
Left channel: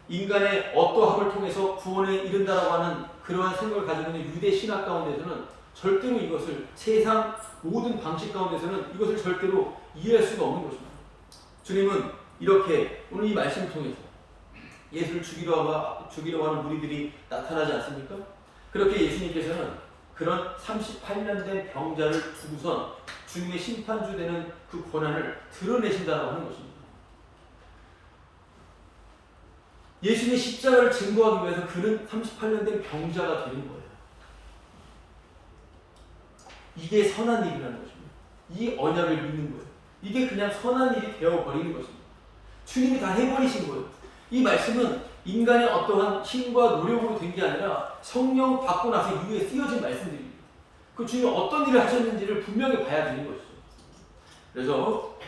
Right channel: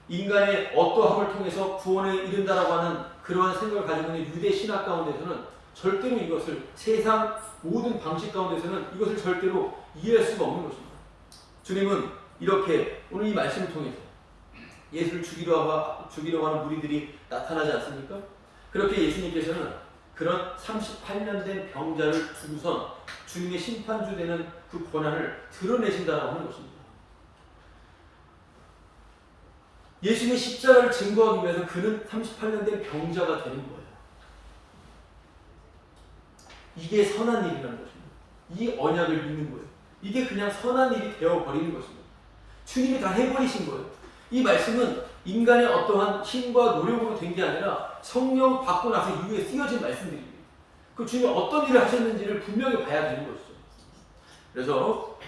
인간의 어떠함을 통해서 구원에 이른다라고 하는 그러한 생각을 가지고 있는 유대 신학 가운데서는 절대로 이것을, 세상 모든 방식 가운데서는 이것을 절대로 이해할 수가 없는 것입니다. 주님은 이렇게 오늘 이 말씀을 통해서 예수를 죽이려고 하는 무리들이 나타나지 않습니까? 그렇게 예수님께서는 그런 38년 된 병자를 두고선 주님의 심판주 되는 그 권한을 드러내신다라고 하는 것입니다. 예수님의 십자가를 증거하기 위해서 그는 38년 된 병자가 되는 거예요. 이게 선한 일이라는 것입니다. 이 언약을 믿는 거예요. 이게 그냥 선한 일이 되어버리는 것입니다. 주님이 다 해버리신 거예요. 이 말씀은 인간의 어떠한 힘과 노력으로 된 게 아니라 성령 받고 나서 이후에 쓰여진 말씀들입니다. 그 주님이 어떤 일을 하셨는지를 분명히 봐야 되는 것이죠. 그래서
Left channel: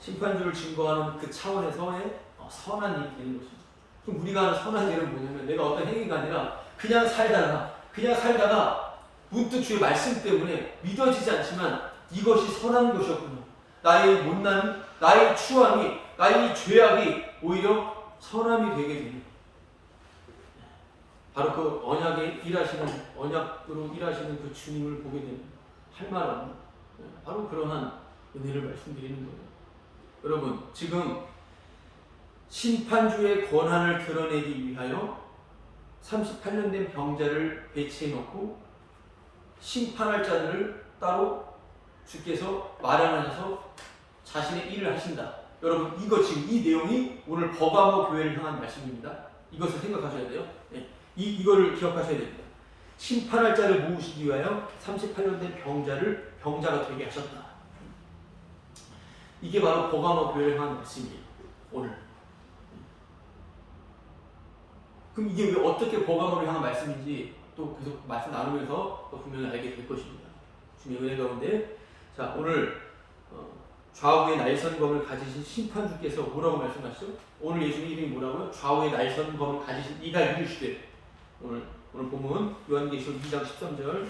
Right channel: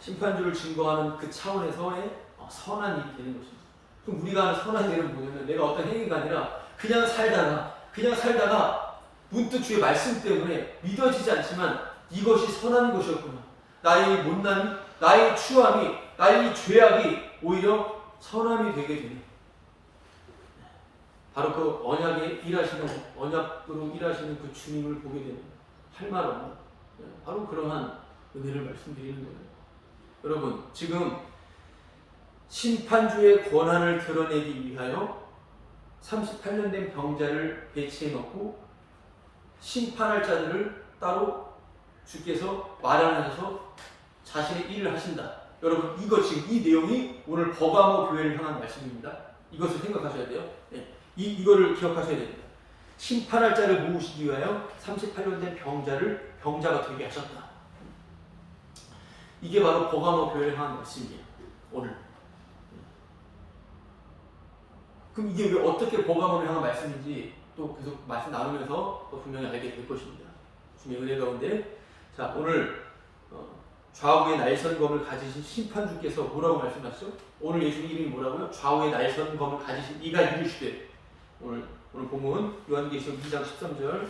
심판주를 증거하는 그 차원에서의 선한 일이 되는 것입니다. 그럼 우리가 하는 선한 일은 뭐냐면 내가 어떤 행위가 아니라 그냥 살다가 문득 주의 말씀 때문에 믿어지지 않지만 이것이 선한 것이었구나. 나의 못남이, 나의 추함이, 나의 죄악이 오히려 선함이 되게 되는, 바로 그 언약으로 일하시는 그 주님을 보게 되는, 할 말 없는 바로 그러한 은혜를 말씀드리는 거예요. 여러분, 지금 심판주의 권한을 드러내기 위하여 38년 된 병자를 배치해 놓고 심판할 자들을 따로 주께서 마련하셔서 자신의 일을 하신다. 여러분, 이거 지금 이 내용이 오늘 버가모 교회를 향한 말씀입니다. 이것을 생각하셔야 돼요. 네. 이거를 기억하셔야 됩니다. 심판할 자를 모으시기 위하여 38년 된 병자가 되게 하셨다. 이게 바로 버가모 교회를 향한 말씀이에요. 오늘. 그럼 이게 왜 어떻게 버가모를 향한 말씀인지 또 계속 말씀 나누면서 또 분명히 알게 될 것입니다. 주님의 은혜 가운데, 자, 오늘 좌우의 날선검을 가지신 심판주께서 뭐라고 말씀하시죠? 오늘 예수님 이름이 뭐라고요? 좌우의 날선검을 가지신 이가 이르시되, 오늘 본문 요한계시록 2장 13절,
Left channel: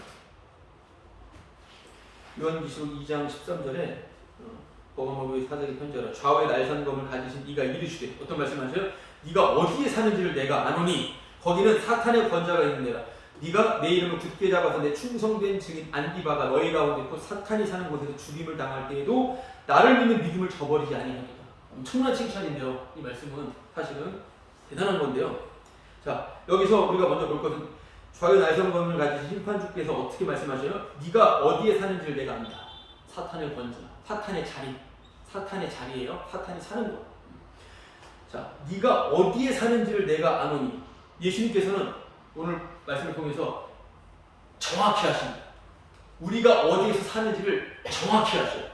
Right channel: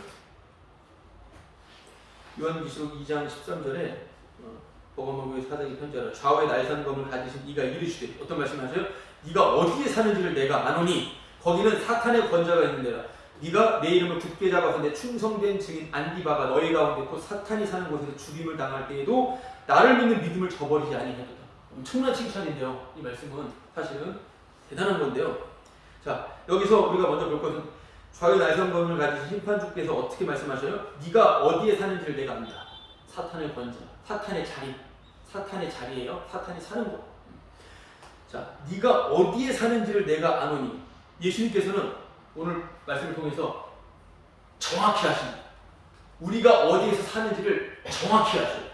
요한계시록 2장 13절에 버가모교회 사장이 편지하라. 좌우의 날선검을 가지신 이가 이르시되, 어떤 말씀하셔요? 네가 어디에 사는지를 내가 아노니 거기는 사탄의 권자가 있는 데라. 네가 내 이름을 굳게 잡아서 내 충성된 증인 안디바가 너희 가운데 곧 사탄이 사는 곳에서 죽임을 당할 때에도 나를 믿는 믿음을 저버리지 아니하도다. 엄청난 칭찬인데요. 이 말씀은 사실은 대단한 건데요. 자, 여기서 우리가 먼저 볼 것은 좌우의 날선검을 가지신 심판주께서 어떻게 말씀하셔요? 네가 어디에 사는지를 내가 안다. 사탄의 권자, 사탄의 자리예요. 사탄이 사는 곳. 자, 네가 어디에 사는지를 내가 아노니, 예수님께서는 오늘 말씀을 통해서 정확히 하십니다. 우리가 어디에서 사는지를 정확히 하셔요.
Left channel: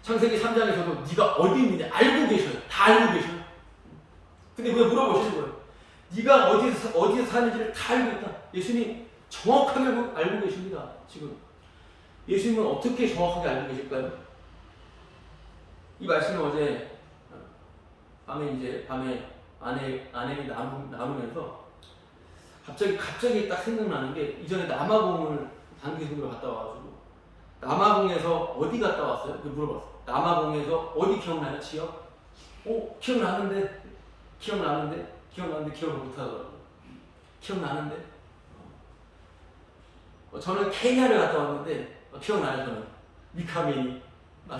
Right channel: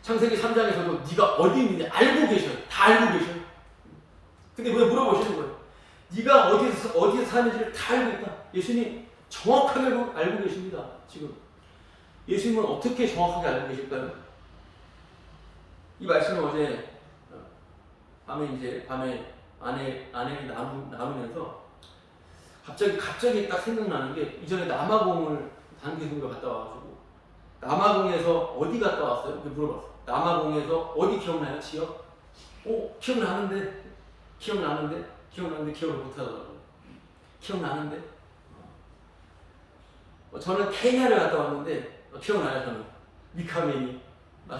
창세기 3장에서도 네가 어디 있는지 알고 계셔요. 다 알고 계셔요. 근데 왜 물어보시는 거예요? 네가 어디에서 사는지를 다 알고 있다. 예수님 정확하게 알고 계십니다. 지금 예수님은 어떻게 정확하게 알고 계실까요? 이 말씀을 어제 밤에 아내이 나누면서 갑자기 딱 생각나는 게, 이전에 남아공을 단기송으로 갔다 와가지고 남아공에서 어디 갔다 왔어요? 물어봤어요. 남아공에서 어디 기억나요? 지역? 기억나는데 기억을 못하더라고요. 기억나는데 저는 케냐를 갔다 왔는데 기억나요. 저는 미카메니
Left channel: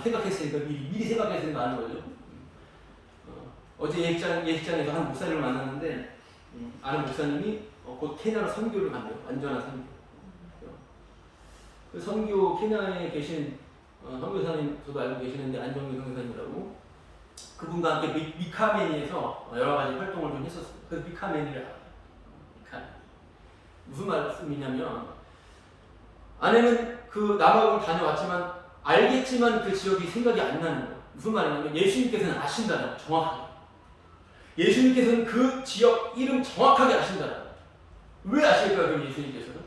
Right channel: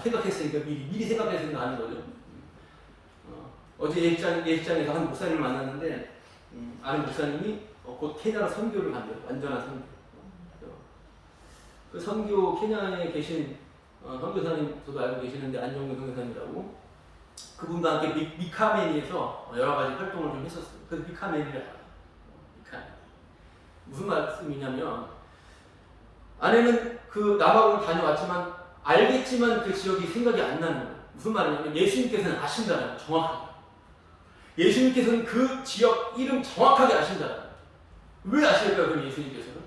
생각했으니까 미리 생각했으니까 아는 거죠. 어제 예식장에서 한 목사님을 만났는데 아는 목사님이 곧 케냐로 선교를 간대요. 완전한 선교. 그 선교 케냐에 계신 선교사님 저도 알고 계시는데 안정근 선교사님이라고 그분과 함께 미카메니에서 여러 가지 활동을 좀 했었어요. 그래서 미카메니를 알아요. 미카메니. 무슨 말씀이냐면 아내는 그 남아공을 다녀왔지만 알겠지만 그 지역이 생각이 안 나는 거예요. 무슨 말이냐면 예수님께서는 아신다는 거예요. 정확하게. 예수님께서는 그 지역 이름 정확하게 아신다는 거예요. 왜 아실까요? 그럼 예수님께서는?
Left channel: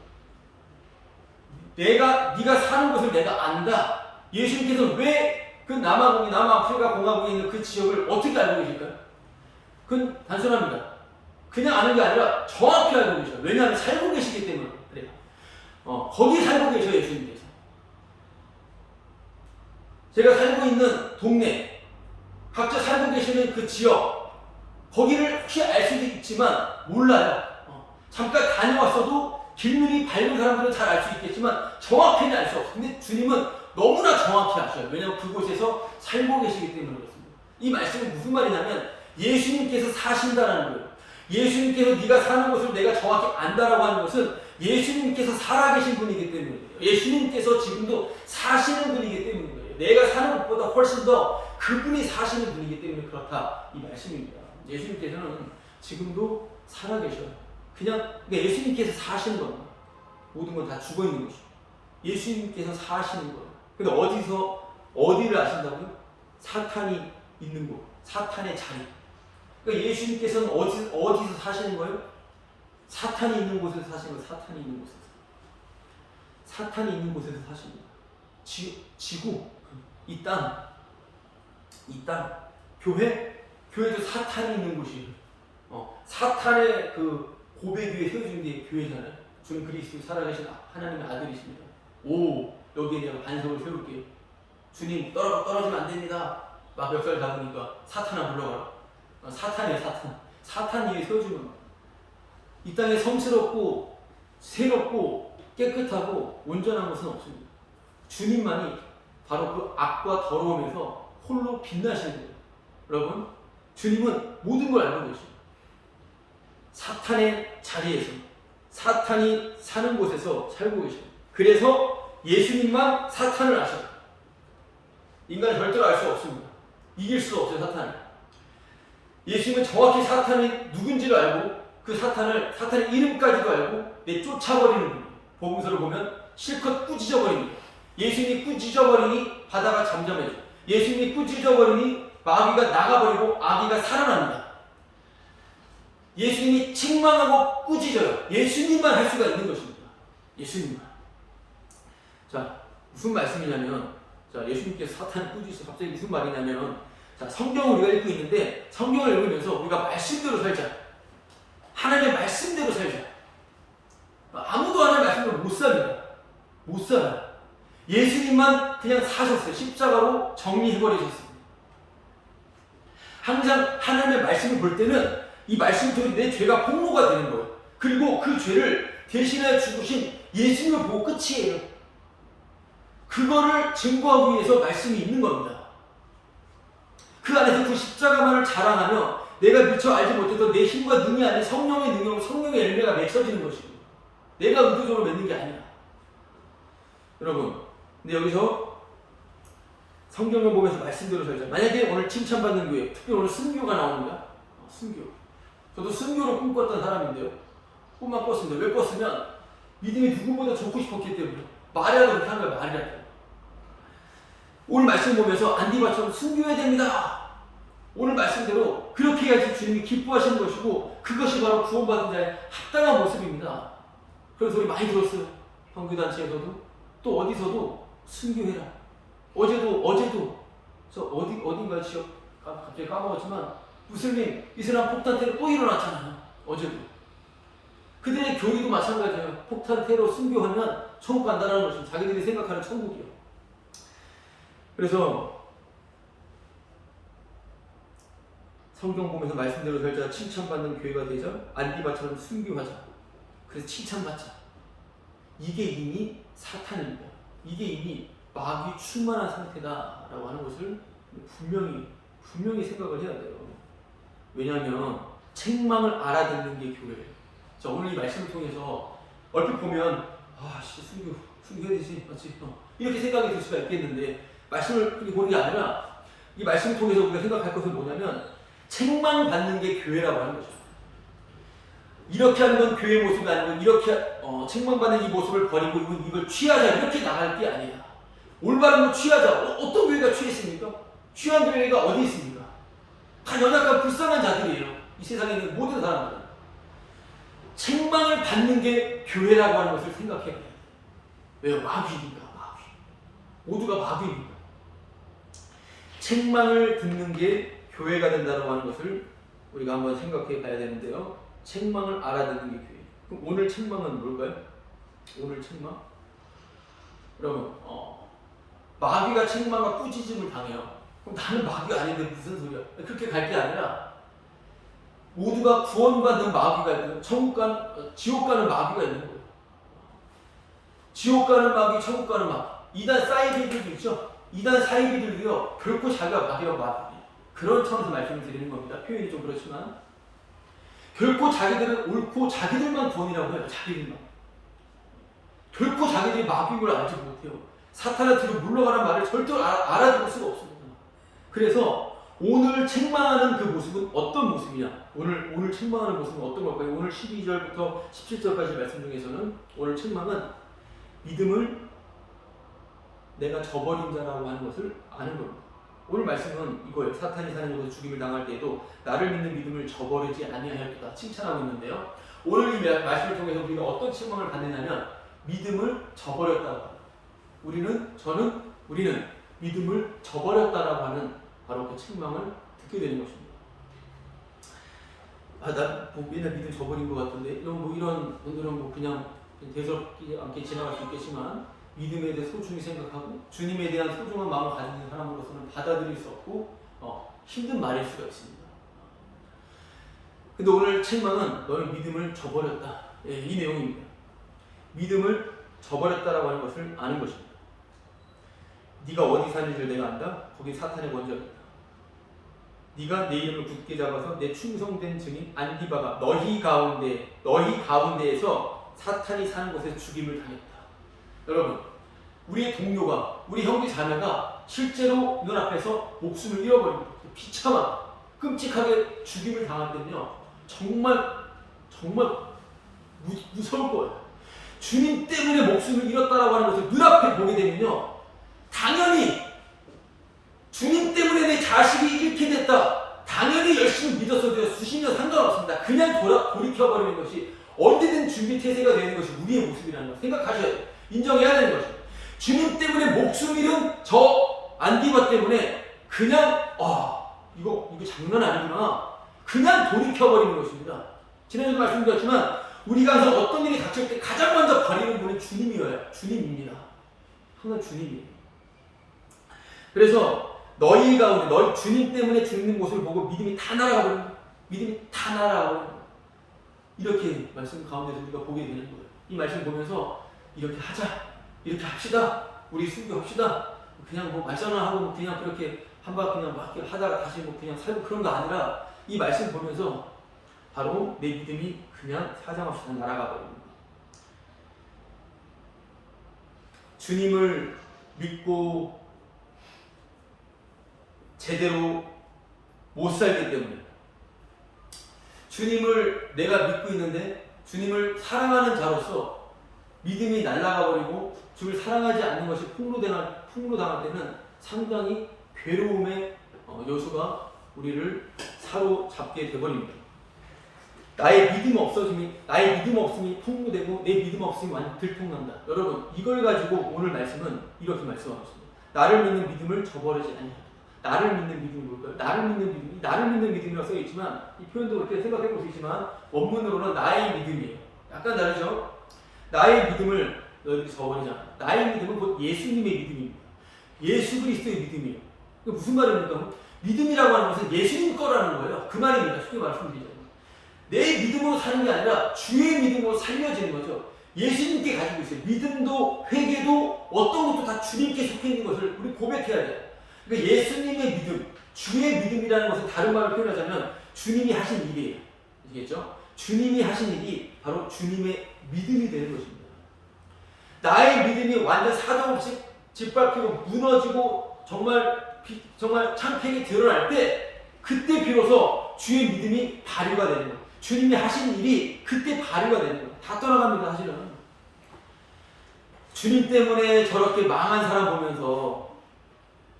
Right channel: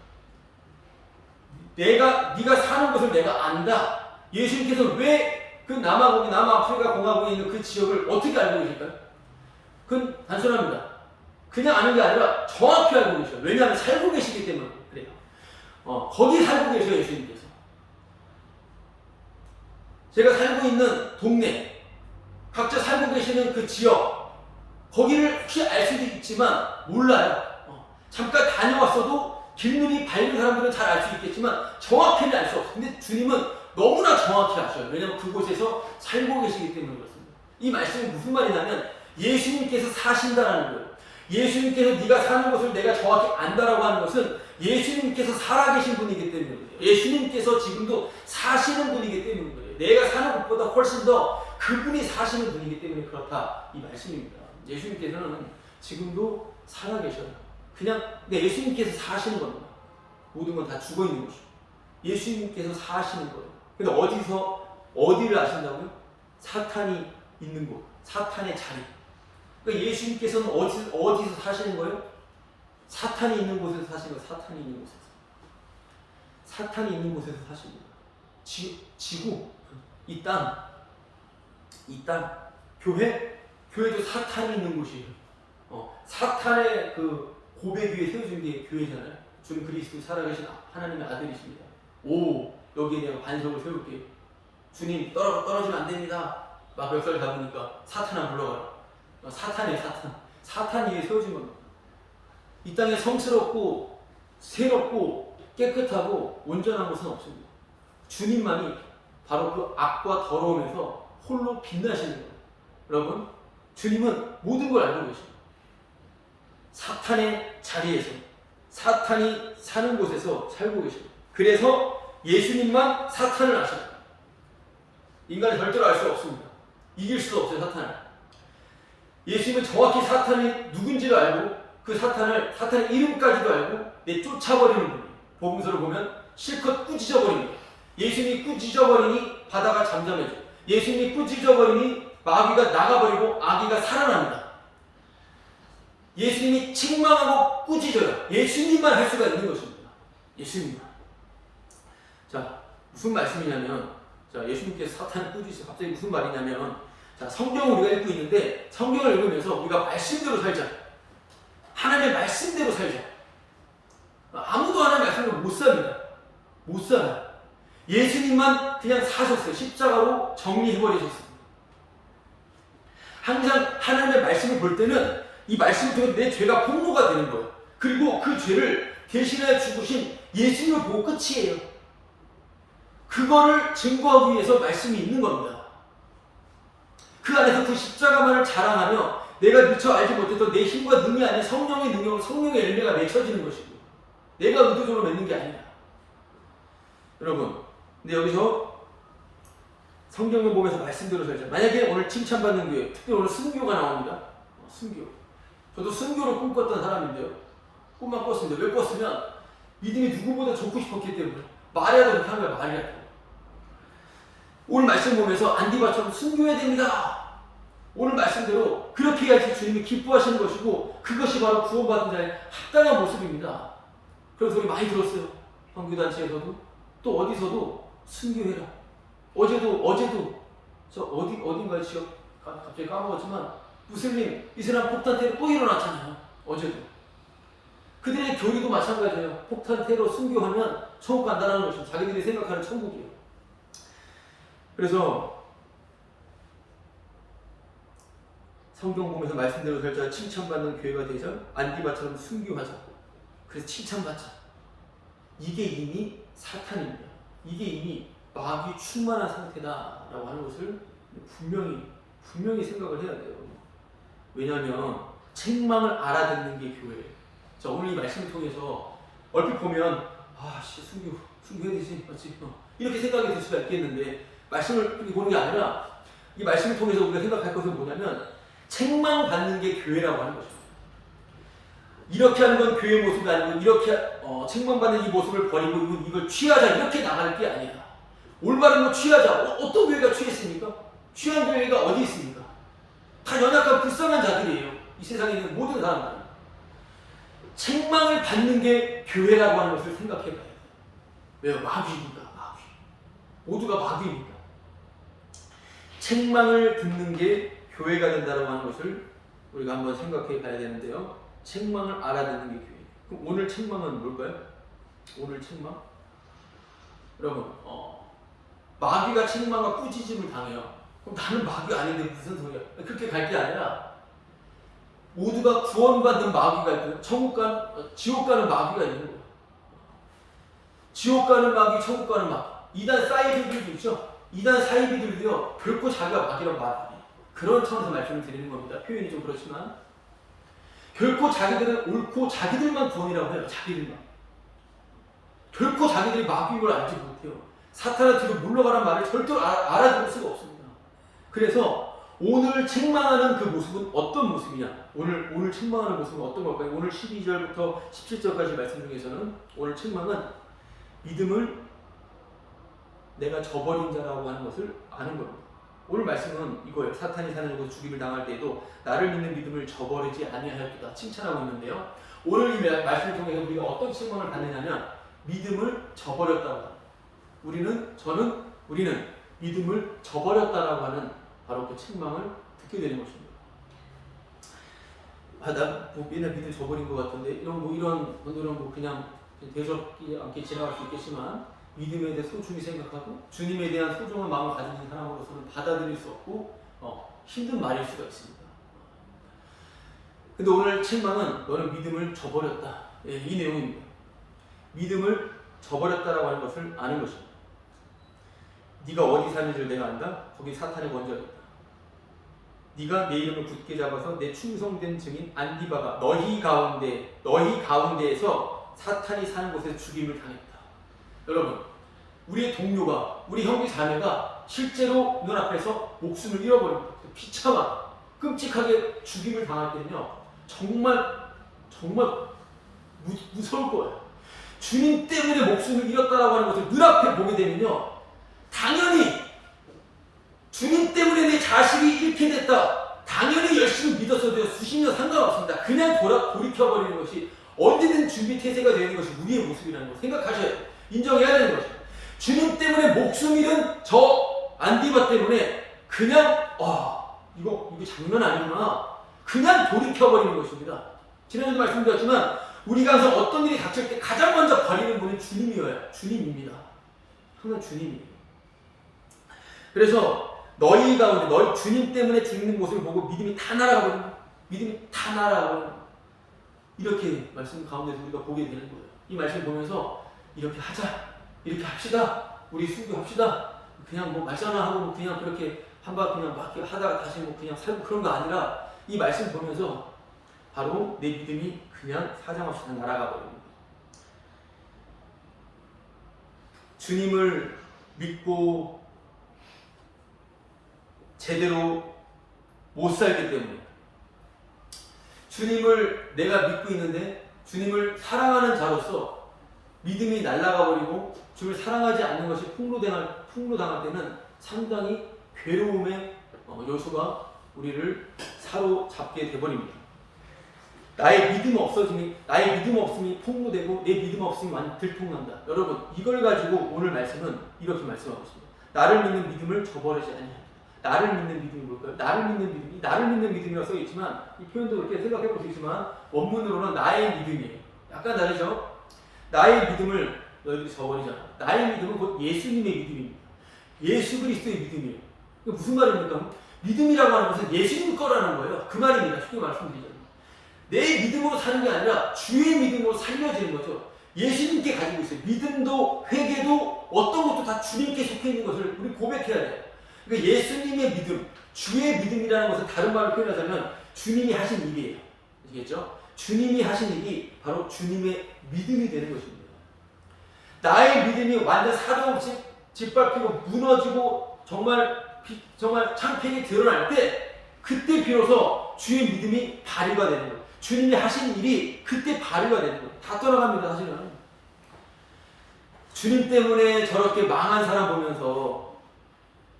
네가 사는 것을 내가 안다. 예수님께서는 왜 그 남아프리카 공화국에 있는 그 지역을 어떻게 알고 계실까요? 그건 단순합니다. 그냥 아는 게 아니라 정확히 알고 계셔요. 왜냐하면 살고 계시기 때문에 그래요. 거기 살고 계셔요, 예수님께서. 제가 살고 있는 동네, 각자 살고 계시는 그 지역, 거기를 혹시 알 수도 있지만 몰라요. 잠깐 다녀왔어도 길눈이 밝은 사람들은 잘 알 수 있겠지만 정확히는 알 수 없어요. 근데 주님은 너무나 정확히 아셔요. 왜냐하면 그곳에서 살고 계시기 때문에 그렇습니다. 이 말씀이 무슨 말이냐면 예수님께서 사신다라는 거예요. 예수님께서 네가 사는 곳을 내가 정확히 안다라고 하는 것은 예수님께서 살아계신 분이기 때문에 그래요. 예수님께서 지금도 사시는 분이기 때문에 그래요. 내가 사는 곳보다 훨씬 더 그분이 사시는 분이기 때문에 그렇다 이 말씀입니다. 예수님께서는 지금도 살아계셔요. 그냥 예수님께서 사시는 겁니다. 모든 건 다 죽어 있는 것이고 예수님께서 사시는 거예요. 근데 어디를 아신다고요? 사탄이 있는 곳, 사탄의 자리. 그러니까 예수님께서는 어디서 사시는 거예요? 사탄이 있는 곳에서 사시는 거예요. 사탄이 있는 곳에서. 사탄이 있는 곳에서 사십니다. 지구, 이 땅, 교회도 사탄이 있는 곳이에요. 사탄의 그 고백 위에 세워진 게 교회잖아요. 주는 그리스도의 살아계신 하나님의 아들이십니다. 여기에 내가 반석을 세울게요. 주님 떨어지면 안 됩니다. 막 멱살 잡으니까 사탄아 물러가라. 사탄이에요, 사탄. 사탄 위에 세워진 겁니다. 이 땅에 성스럽고 새롭고 깨끗하고 온전한 것은 없습니다. 주님만이 바로 그 악과 더러움에서 홀로 빛나시는 거예요. 여러분, 주님은 모든 걸 알고 계십니다. 사탄의 자리에서, 사탄이 사는 곳에서 살고 계십니다. 그래서 예수님만 사탄을 아셔요. 인간은 절대로 알 수 없습니다. 이길 수도 없어요, 사탄을. 예수님은 정확히 사탄이 누군지를 알고 그 사탄의 이름까지도 알고 쫓아버리는 분이에요. 복음서를 보면 실컷 꾸짖어버립니다. 예수님이 꾸짖어버리니 바다가 잠잠해져. 예수님이 꾸짖어버리니 마귀가 나가버리고 아기가 살아납니다. 예수님이 책망하고 꾸짖어요. 예수님만 할 수가 있는 것입니다. 예수님만. 자, 무슨 말씀이냐면, 예수님께서 사탄을 꾸짖으세요. 갑자기 무슨 말이냐면, 성경을 우리가 읽고 있는데, 성경을 읽으면서 우리가 말씀대로 살자. 하나님의 말씀대로 살자. 아무도 하나님의 말씀대로 못 삽니다. 못 살아요. 예수님만 그냥 사셨어요. 십자가로 정리해버리셨습니다. 항상 하나님의 말씀을 볼 때는 이 말씀을 통해 내 죄가 폭로가 되는 거예요. 그리고 그 죄를 대신하여 죽으신 예수님을 보고 끝이에요. 그거를 증거하기 위해서 말씀이 있는 겁니다. 그 안에서 그 십자가만을 자랑하며 내가 미처 알지 못했던 내 힘과 능이 아닌 성령의 능력, 성령의 열매가 맺혀지는 것이고 내가 의도적으로 맺는 게 아니라. 여러분, 근데 여기서 성경을 보면서 말씀대로 살자. 만약에 오늘 칭찬받는 교회, 특별히 오늘 순교가 나옵니다. 순교. 저도 순교로 꿈꿨던 사람인데요. 꿈만 꿨습니다. 왜 꿨으면 믿음이 누구보다 좋고 싶었기 때문에. 말이라도 그렇게 한 거야, 말이라도. 오늘 말씀 보면서 안디바처럼 순교해야 됩니다. 오늘 말씀대로 그렇게 해야지 주님이 기뻐하시는 것이고 그것이 바로 구원받은 자의 합당한 모습입니다. 그런 소리 많이 들었어요. 선교단체에서도 또 어디서도 순교해라. 어제도 저 어딘가 지역 갑자기 까먹었지만 무슬림 이슬람 폭탄 테러 또 일어났잖아요. 어제도. 그들의 교리도 마찬가지예요. 폭탄 테러 순교하면 천국 간다는 것입니다. 자기들이 생각하는 천국이요. 그래서 성경 보면서 말씀대로 살자, 칭찬받는 교회가 되자, 안디바처럼 순교하자. 그래서 칭찬받자. 이게 이미 사탄입니다. 이게 이미 마귀 충만한 상태다라고 하는 것을 분명히 생각을 해야 돼요. 왜냐하면 책망을 알아듣는 게 교회예요. 자, 오늘 이 말씀을 통해서 얼핏 보면 순교해야 되지, 맞지? 이렇게 생각이 들 수가 있겠는데 말씀을 보는 게 아니라 이 말씀을 통해서 우리가 생각할 것은 뭐냐면 책망받는 게 교회라고 하는 거죠. 이렇게 하는 건 교회의 모습이 아니고 이렇게 책망받는 이 모습을 버리고 이걸 취하자 이렇게 나갈 게 아니라 올바른 거 취하자. 어떤 교회가 취했습니까? 취한 교회가 어디 있습니까? 다 연약한 불쌍한 자들이에요. 이 세상에 있는 모든 사람들은. 책망을 받는 게 교회라고 하는 것을 생각해 봐야 돼요. 왜요? 마귀니까, 마귀. 모두가 마귀니까. 책망을 듣는 게 교회가 된다고 하는 것을 우리가 한번 생각해 봐야 되는데요. 책망을 알아듣는 게 교회. 그럼 오늘 책망은 뭘까요? 오늘 책망? 여러분, 마귀가 책망과 꾸짖음을 당해요. 그럼 나는 마귀가 아닌데 무슨 소리야? 그렇게 갈 게 아니라 모두가 구원받는 마귀가 있고요. 지옥 가는 마귀가 있는 거예요. 지옥 가는 마귀, 천국 가는 마귀. 이단 사이비들도 있죠. 이단 사이비들도요. 결코 자기가 마귀라고 말 안 해요. 그런 차원에서 말씀을 드리는 겁니다. 표현이 좀 그렇지만 결코 자기들은 옳고 자기들만 구원이라고 해요. 자기들만. 결코 자기들이 마귀인 걸 알지 못해요. 사탄의 뒤로 물러가란 말을 절대로 알아들을 수가 없습니다. 그래서 오늘 책망하는 그 모습은 어떤 모습이냐? 오늘 책망하는 모습은 어떤 걸까요? 오늘 12절부터 17절까지 말씀 중에서는 오늘 책망은 믿음을 내가 저버린 자라고 하는 것을 아는 겁니다. 오늘 말씀은 이거예요. 사탄이 사는 곳에서 죽임을 당할 때에도 나를 믿는 믿음을 저버리지 아니하였도다 칭찬하고 있는데요. 오늘 이 말씀을 통해서 우리가 어떤 책망을 받느냐면 믿음을 저버렸다고 합니다. 우리는 믿음을 저버렸다라고 하는 바로 그 책망을 듣게 되는 것입니다. 난 맨날 믿음 저버린 것 같은데 이런 분들은 그냥 대수롭지 않게 지나갈 수 있겠지만 믿음에 대해 소중히 생각하고 주님에 대한 소중한 마음을 가지고 있는 사람으로서는 받아들일 수 없고 힘든 말일 수가 있습니다. 근데 오늘 책망은 너는 믿음을 저버렸다. 이 내용입니다. 믿음을 저버렸다라고 하는 것을 아는 것입니다. 네가 어디 사는지를 내가 안다. 거기 사탄의 권세가 있다. 네가 내 이름을 굳게 잡아서 내 충성된 증인 안디바가 너희 가운데에서 사탄이 사는 곳에서 죽임을 당했다. 여러분, 우리의 동료가, 우리 형제 자매가 실제로 눈앞에서 목숨을 잃어버립니다. 비참하게, 끔찍하게 죽임을 당할 때는요, 정말 무서울 거예요. 주님 때문에 목숨을 잃었다라고 하는 것을 눈앞에 보게 되면요, 당연히 주님 때문에 내 자식이 잃게 됐다. 당연히 열심히 믿었어도요, 수십 년 상관없습니다. 그냥 돌이켜버리는 것이 언제든 준비 태세가 되는 것이 우리의 모습이라는 걸 생각하셔야 돼요. 인정해야 되는 것이죠. 주님 때문에 목숨 잃은 저 안디바 때문에 그냥 이거 장난 아니구나. 그냥 돌이켜버리는 것입니다. 지난주도 말씀드렸지만 우리가 항상 어떤 일이 닥칠 때 가장 먼저 버리는 분은 주님입니다. 항상 주님이에요. 그래서 너희 가운데 너희 주님 때문에 죽는 모습을 보고 믿음이 다 날아가 버리는 거예요. 믿음이 다 날아가 버리는 거예요. 이렇게 말씀 가운데서 우리가 보게 되는 거예요. 이 말씀 보면서 이렇게 하자, 이렇게 합시다, 우리 순교합시다. 그냥 말전화하고 그냥 그렇게 한바 그냥 막 하다가 다시 그냥 살고 그런 거 아니라 이 말씀 보면서 바로 내 믿음이 그냥 사정없이 다 날아가 버립니다. 주님을 믿고 제대로 못 살기 때문에 주님을 내가 믿고 있는데 주님을 사랑하는 자로서 믿음이 날아가 버리고 주님을 사랑하지 않는 것이 폭로당할 때는 상당히 괴로움의 요소가 우리를 사로잡게 되버립니다. 나의 믿음 없음이 폭로되고 내 믿음 없음이 완전 들통난다. 여러분, 이걸 가지고 오늘 말씀은 이렇게 말씀하고 있습니다. 나를 믿는 믿음을 저버리지 아니하리라. 나를 믿는 믿음이 뭘까요? 나를 믿는 믿음이라고 써있지만 이 표현도 그렇게 생각해 볼 수 있지만 원문으로는 나의 믿음이에요. 약간 다르죠? 나의 믿음을 너희들이 저버리지 않아. 나의 믿음은 곧 예수님의 믿음입니다. 예수 그리스도의 믿음이에요. 이게 무슨 말입니까? 믿음이라고 하는 것은 예수님 거라는 거예요. 그 말입니다. 쉽게 말씀드리자면. 내 믿음으로 사는 게 아니라 주의 믿음으로 살려지는 거죠. 예수님께 가지고 있어요. 믿음도 회개도 어떤 것도 다 주님께 속해 있는 것을 우리 고백해야 돼요. 그러니까 예수님의 믿음, 주의 믿음이라는 것은 다른 말로 표현하자면 주님이 하신 일이에요. 아시겠죠? 주님이 하신 일이 바로 주님의 믿음이 되는 것입니다. 나의 믿음이 완전 사정없이 짓밟히고 무너지고 정말 창피하게 드러날 때, 그때 비로소 주의 믿음이 발휘가 되는 거예요. 주님이 하신 일이 그때 발휘가 되는 거예요. 다 떠나갑니다, 사실은. 주님 때문에 저렇게 망한 사람 보면서,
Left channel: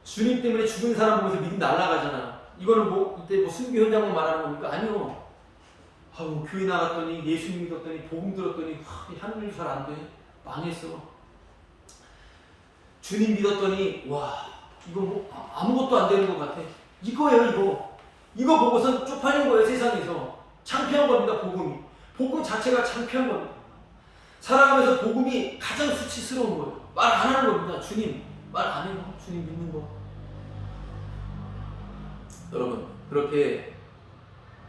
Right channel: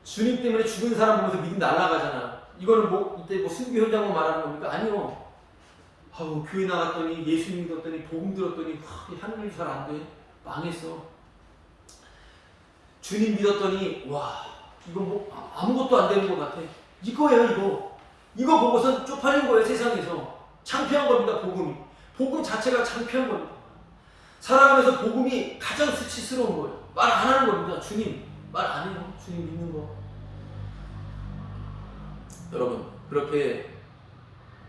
주님 때문에 죽은 사람 보면서 믿음 날아가잖아요. 이거는 이때 순교 현장만 말하는 겁니까? 아니요. 교회 나갔더니, 예수님 믿었더니, 복음 들었더니, 하는 일 잘 안 돼. 망했어. 주님 믿었더니, 이거 아무것도 안 되는 것 같아. 이거예요, 이거. 이거 보고선 쪽팔린 거예요, 세상에서. 창피한 겁니다, 복음이. 복음 자체가 창피한 겁니다. 살아가면서 복음이 가장 수치스러운 거예요. 말 안 하는 겁니다. 주님 말 안 해요. 주님 믿는 거. 여러분, 그렇게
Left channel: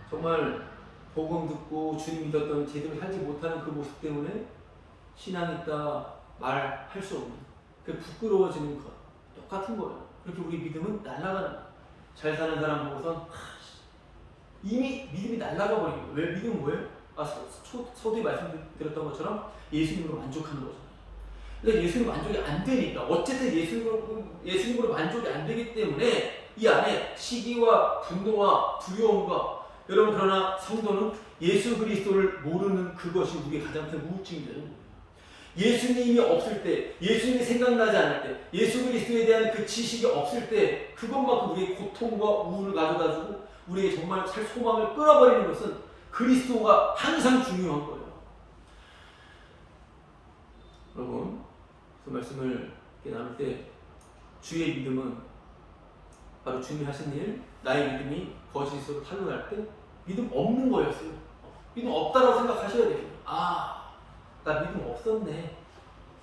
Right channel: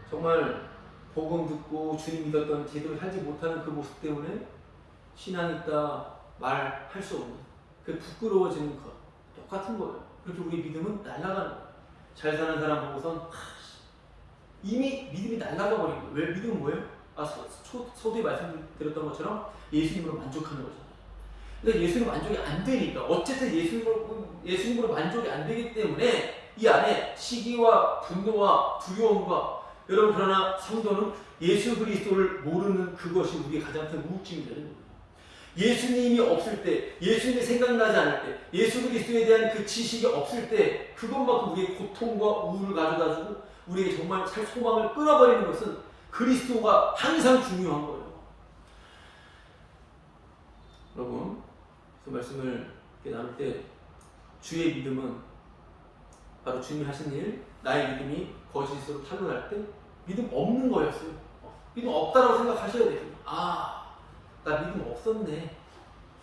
정말 복음 듣고 주님 믿었던 제대로 살지 못하는 그 모습 때문에 신앙이 있다 말할 수 없는, 그 부끄러워지는 것 똑같은 거예요. 그렇게 우리 믿음은 날아가는 거예요. 잘 사는 사람 보고선 이미 믿음이 날아가 버린 거예요. 왜? 믿음은 뭐예요? 서두에 말씀드렸던 것처럼 예수님으로 만족하는 거잖아요. 근데 예수님 만족이 안 되니까, 어쨌든 예수님으로 만족이 안 되기 때문에 이 안에 시기와 분노와 두려움과, 여러분, 그러나 성도는 예수 그리스도를 모르는 그것이 우리의 가장 큰 우울증이 되는 거예요. 예수님이 없을 때, 예수님이 생각나지 않을 때, 예수 그리스도에 대한 그 지식이 없을 때, 그것만큼 우리의 고통과 우울을 가져다주고 우리에게 정말 살 소망을 끊어버리는 것은 그리스도가 항상 중요한 거예요. 여러분, 그 말씀을 나눌 때, 주의 믿음은 바로 주님이 하신 일, 나의 믿음이 거짓으로 탄로날 때 믿음 없는 거였어요. 믿음 없다라고 생각하셔야 돼요. 나 믿음 없었네.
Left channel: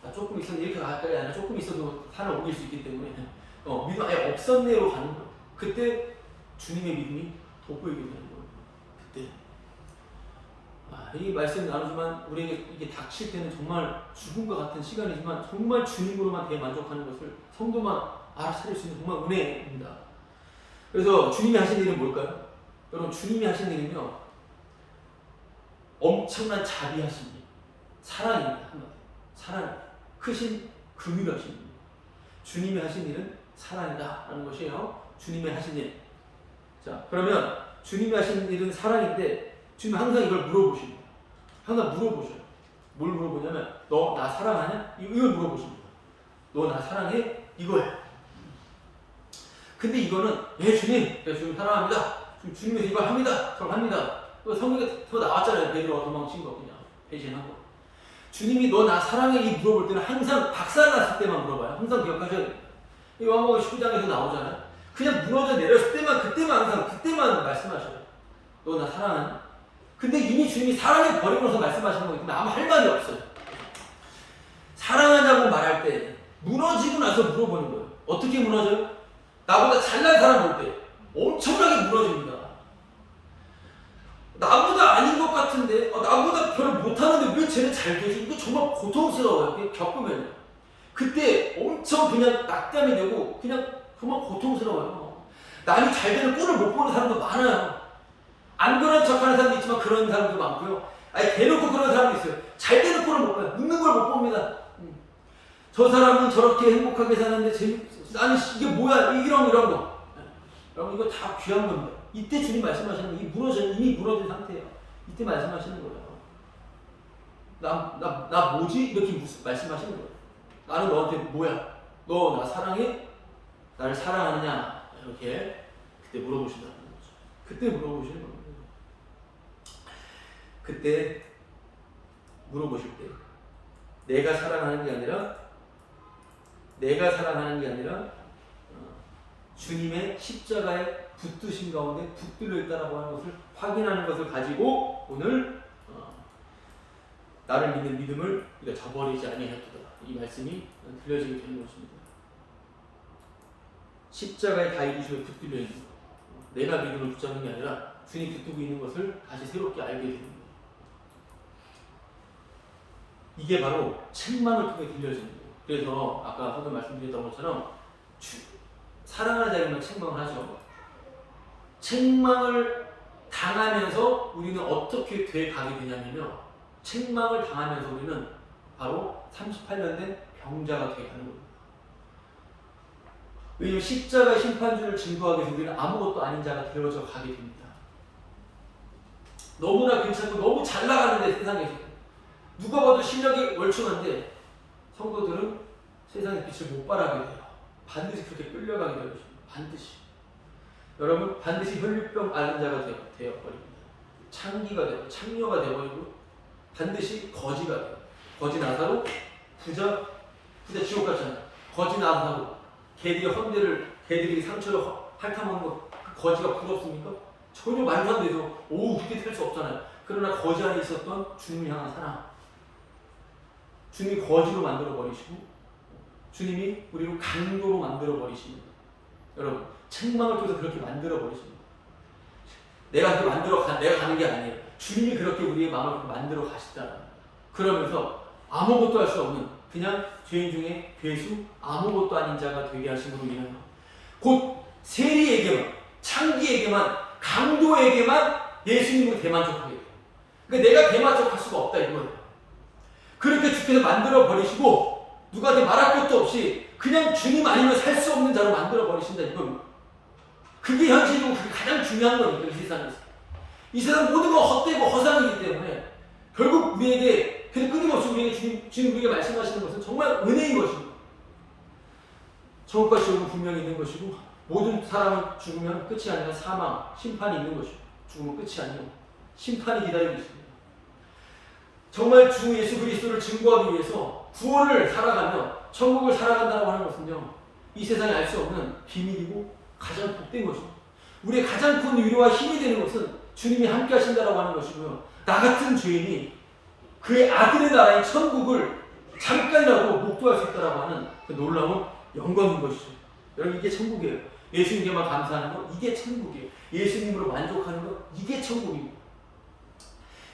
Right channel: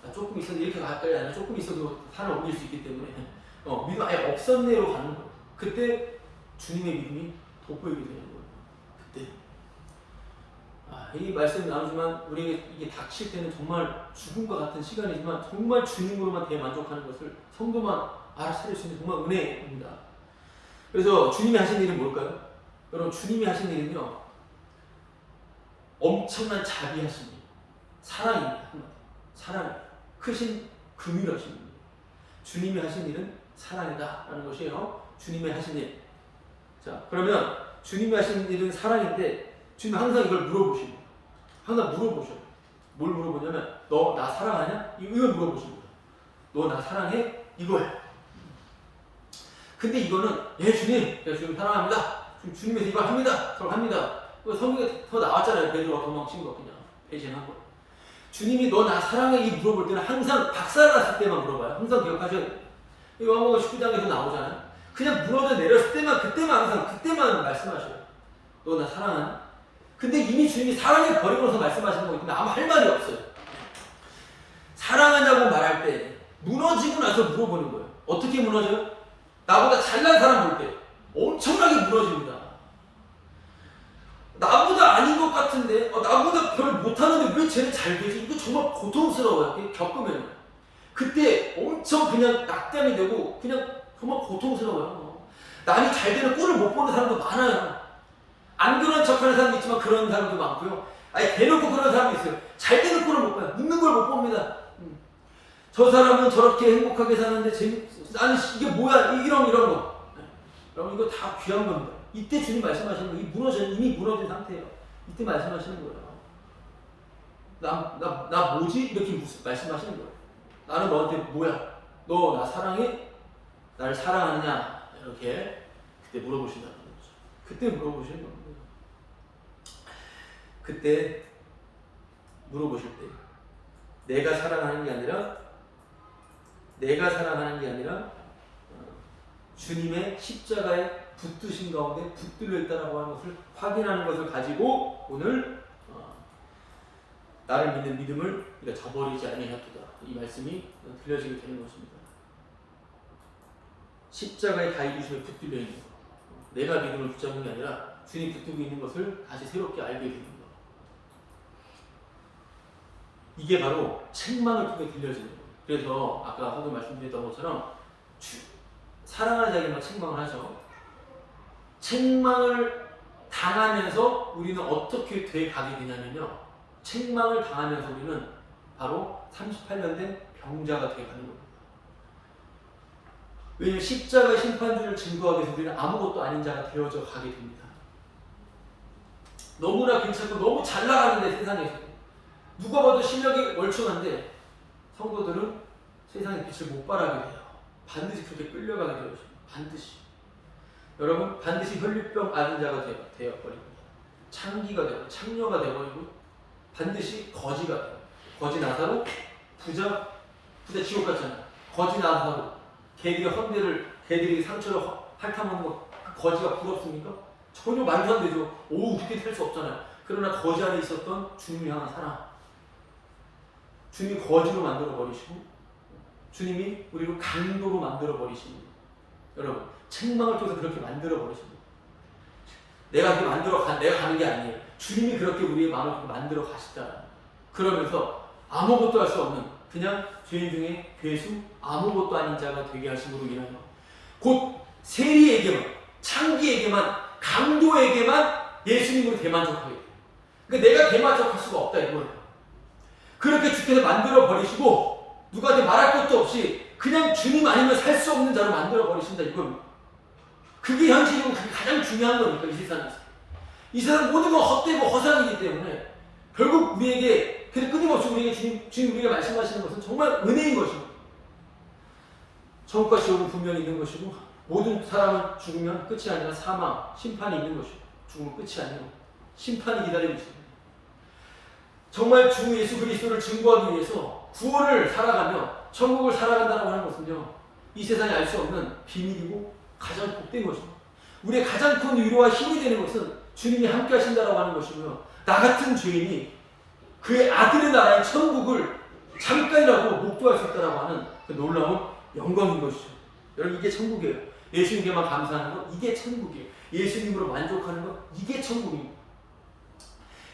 나 조금 있었는데, 이렇게 가까이 아니라 조금 있어도 산을 옮길 수 있기 때문에 믿음 아예 없었네로 가는 거예요. 그때 주님의 믿음이 돋보이게 되는 거예요. 그때 이 말씀 나누지만 우리에게 이게 닥칠 때는 정말 죽음과 같은 시간이지만, 정말 주님으로만 대만족하는 것을 성도만 알아차릴 수 있는 정말 은혜입니다. 그래서 주님이 하신 일은 뭘까요? 여러분, 주님이 하신 일은요, 엄청난 자비하신 일, 사랑입니다. 사랑, 크신 긍휼하신 일. 주님이 하신 일은 사랑이다라는 것이에요. 주님이 하신 일. 자, 그러면 주님이 하신 일은 사랑인데, 주님은 항상 이걸 물어보십니다. 항상 물어보셔요. 뭘 물어보냐면, 너 나 사랑하냐? 이걸 물어보십니다. 너 나 사랑해? 이거예요. 근데 이거는, 주님, 주님 사랑합니다. 주님에서 이걸 합니다. 저걸 합니다. 성경에 더 나왔잖아요. 베드로가 도망친 거, 그냥 배신한 거. 주님이 너 나 사랑해? 이 물어볼 때는 항상 박살났을 때만 물어봐요. 항상 기억하셔야 돼요. 요한복음 19장에서 나오잖아요. 그냥 무너져 내렸을 때만, 그때만 말씀하셔요. 너 나 사랑하니? 근데 이미 주님이 사랑해 버리고 나서 말씀하시는 거기 때문에 아무 할 말이 없어요. 사랑하냐고 말할 때 무너지고 나서 물어보는 거예요. 어떻게 무너져요? 나보다 잘난 사람 볼 때 엄청나게 무너집니다. 나보다 아닌 것 같은데, 나보다 별로 못하는데 왜 쟤는 잘 되지? 이거 정말 고통스러워요. 겪으면요. 그때 엄청 그냥 낙담이 되고 그냥 정말 고통스러워요. 남이 잘 되는 꼴을 못 보는 사람도 많아요. 안 그런 척하는 사람도 있지만 그런 사람도 많고요. 대놓고 그런 사람도 있어요. 잘 되는 꼴을 못 봐요. 웃는 걸 못 봅니다. 저 사람은 저렇게 행복하게 사는데 아니 이게 뭐야? 이런 거. 여러분, 이거 다 귀한 겁니다. 이때 주님 말씀하시는 거, 이미 무너진 상태예요. 이때 말씀하시는 거예요. 나 뭐지? 이렇게 말씀하시는 거예요. 나는 너한테 뭐야? 너 나 사랑해? 나를 사랑하느냐? 이렇게 그때 물어보신다는 거죠. 그때 물어보시는 겁니다. 그때 물어보실 때 내가 사랑하는 게 아니라 주님의 십자가에 붙드신 가운데 붙들려 있다라고 하는 것을 확인하는 것을 가지고 오늘 나를 믿는 믿음을 네가 저버리지 아니하였도다, 이 말씀이 들려지게 되는 것입니다. 십자가의 가이부심에 붙들려 있는 것, 내가 믿음을 붙잡는 게 아니라 주님 붙들고 있는 것을 다시 새롭게 알게 되는 것, 이게 바로 책망을 통해 들려지는 거예요. 그래서 아까 서도 말씀드렸던 것처럼 사랑하는 자에게만 책망을 하죠. 책망을 당하면서 우리는 어떻게 돼 가게 되냐면요. 책망을 당하면서 우리는 바로 38년 된 병자가 돼 가는 겁니다. 왜냐하면 십자가의 심판주를 증거하기 위해서 우리는 아무것도 아닌 자가 되어져 가게 됩니다. 너무나 괜찮고 너무 잘 나가는데 세상에서 누가 봐도 실력이 월충한데 성도들은 세상의 빛을 못 발하게 돼요. 반드시 그렇게 끌려가게 되어 있습니다. 반드시. 여러분 반드시 혈류병 앓은 자가 되어버립니다. 창기가 되고 창녀가 되어버리고 반드시 거지가 돼요. 거지 나사로 부자 지옥 갔잖아요. 거지 나사로 개들이 상처를 핥아먹는 거 거지가 부럽습니까? 전혀 말도 안 되죠. 그렇게 될 수 없잖아요. 그러나 거지 안에 있었던 주님을 향한 사랑, 주님이 거지로 만들어 버리시고 주님이 우리를 강도로 만들어 버리십니다. 여러분 책망을 통해서 그렇게 만들어 버리십니다. 내가 가는 게 아니에요. 주님이 그렇게 우리의 마음을 그렇게 만들어 가셨다는 거예요. 그러면서 아무것도 할 수 없는 그냥 죄인 중에 괴수 아무것도 아닌 자가 되게 하심으로 인하여 곧 세리에게만 창기에게만 강도에게만 예수님으로 대만족하게 돼요. 그러니까 내가 대만족할 수가 없다 이거예요. 그렇게 주께서 만들어 버리시고 누구한테 말할 것도 없이 그냥 주님 아니면 살 수 없는 자로 만들어 버리신다 이겁니다. 그게 현실이고 그게 가장 중요한 거니까 이 세상에서. 이 세상 모든 건 헛되고 허상이기 때문에 결국 우리에게 그래서 끊임없이 우리에게 주님 우리에게 말씀하시는 것은 정말 은혜인 것이고 천국과 지옥은 분명히 있는 것이고 모든 사람은 죽으면 끝이 아니라 사망, 심판이 있는 것이고 죽으면 끝이 아니고 심판이 기다리고 있습니다. 정말 주 예수 그리스도를 증거하기 위해서 구원을 살아가며 천국을 살아간다고 하는 것은요 이 세상에 알 수 없는 비밀이고 가장 복된 것입니다. 우리의 가장 큰 위로와 힘이 되는 것은 주님이 함께 하신다고 하는 것이고요. 나 같은 죄인이 그의 아들의 나라인 천국을 잠깐이라도 목도할 수 있다고 하는 그 놀라운 영광인 것이죠. 여러분 이게 천국이에요. 예수님께만 감사하는 것 이게 천국이에요. 예수님으로 만족하는 것 이게 천국입니다.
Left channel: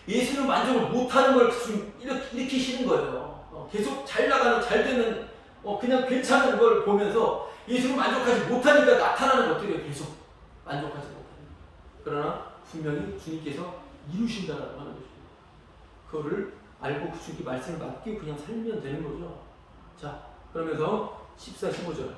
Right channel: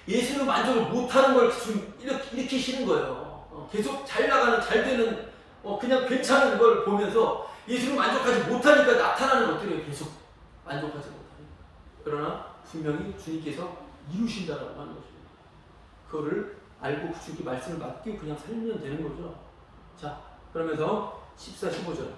예수님을 만족을 못하는 걸 지금 이렇게 싫은 거예요. 계속 잘 나가는 잘 되는 그냥 괜찮은 걸 보면서 예수님을 만족하지 못하니까 나타나는 것들이 계속 만족하지 못하니까. 그러나 분명히 주님께서 이루신다라고 하는 것입니다. 그거를 알고 주님께 말씀을 맡기고 그냥 살면 되는 거죠. 자, 그러면서 14, 15절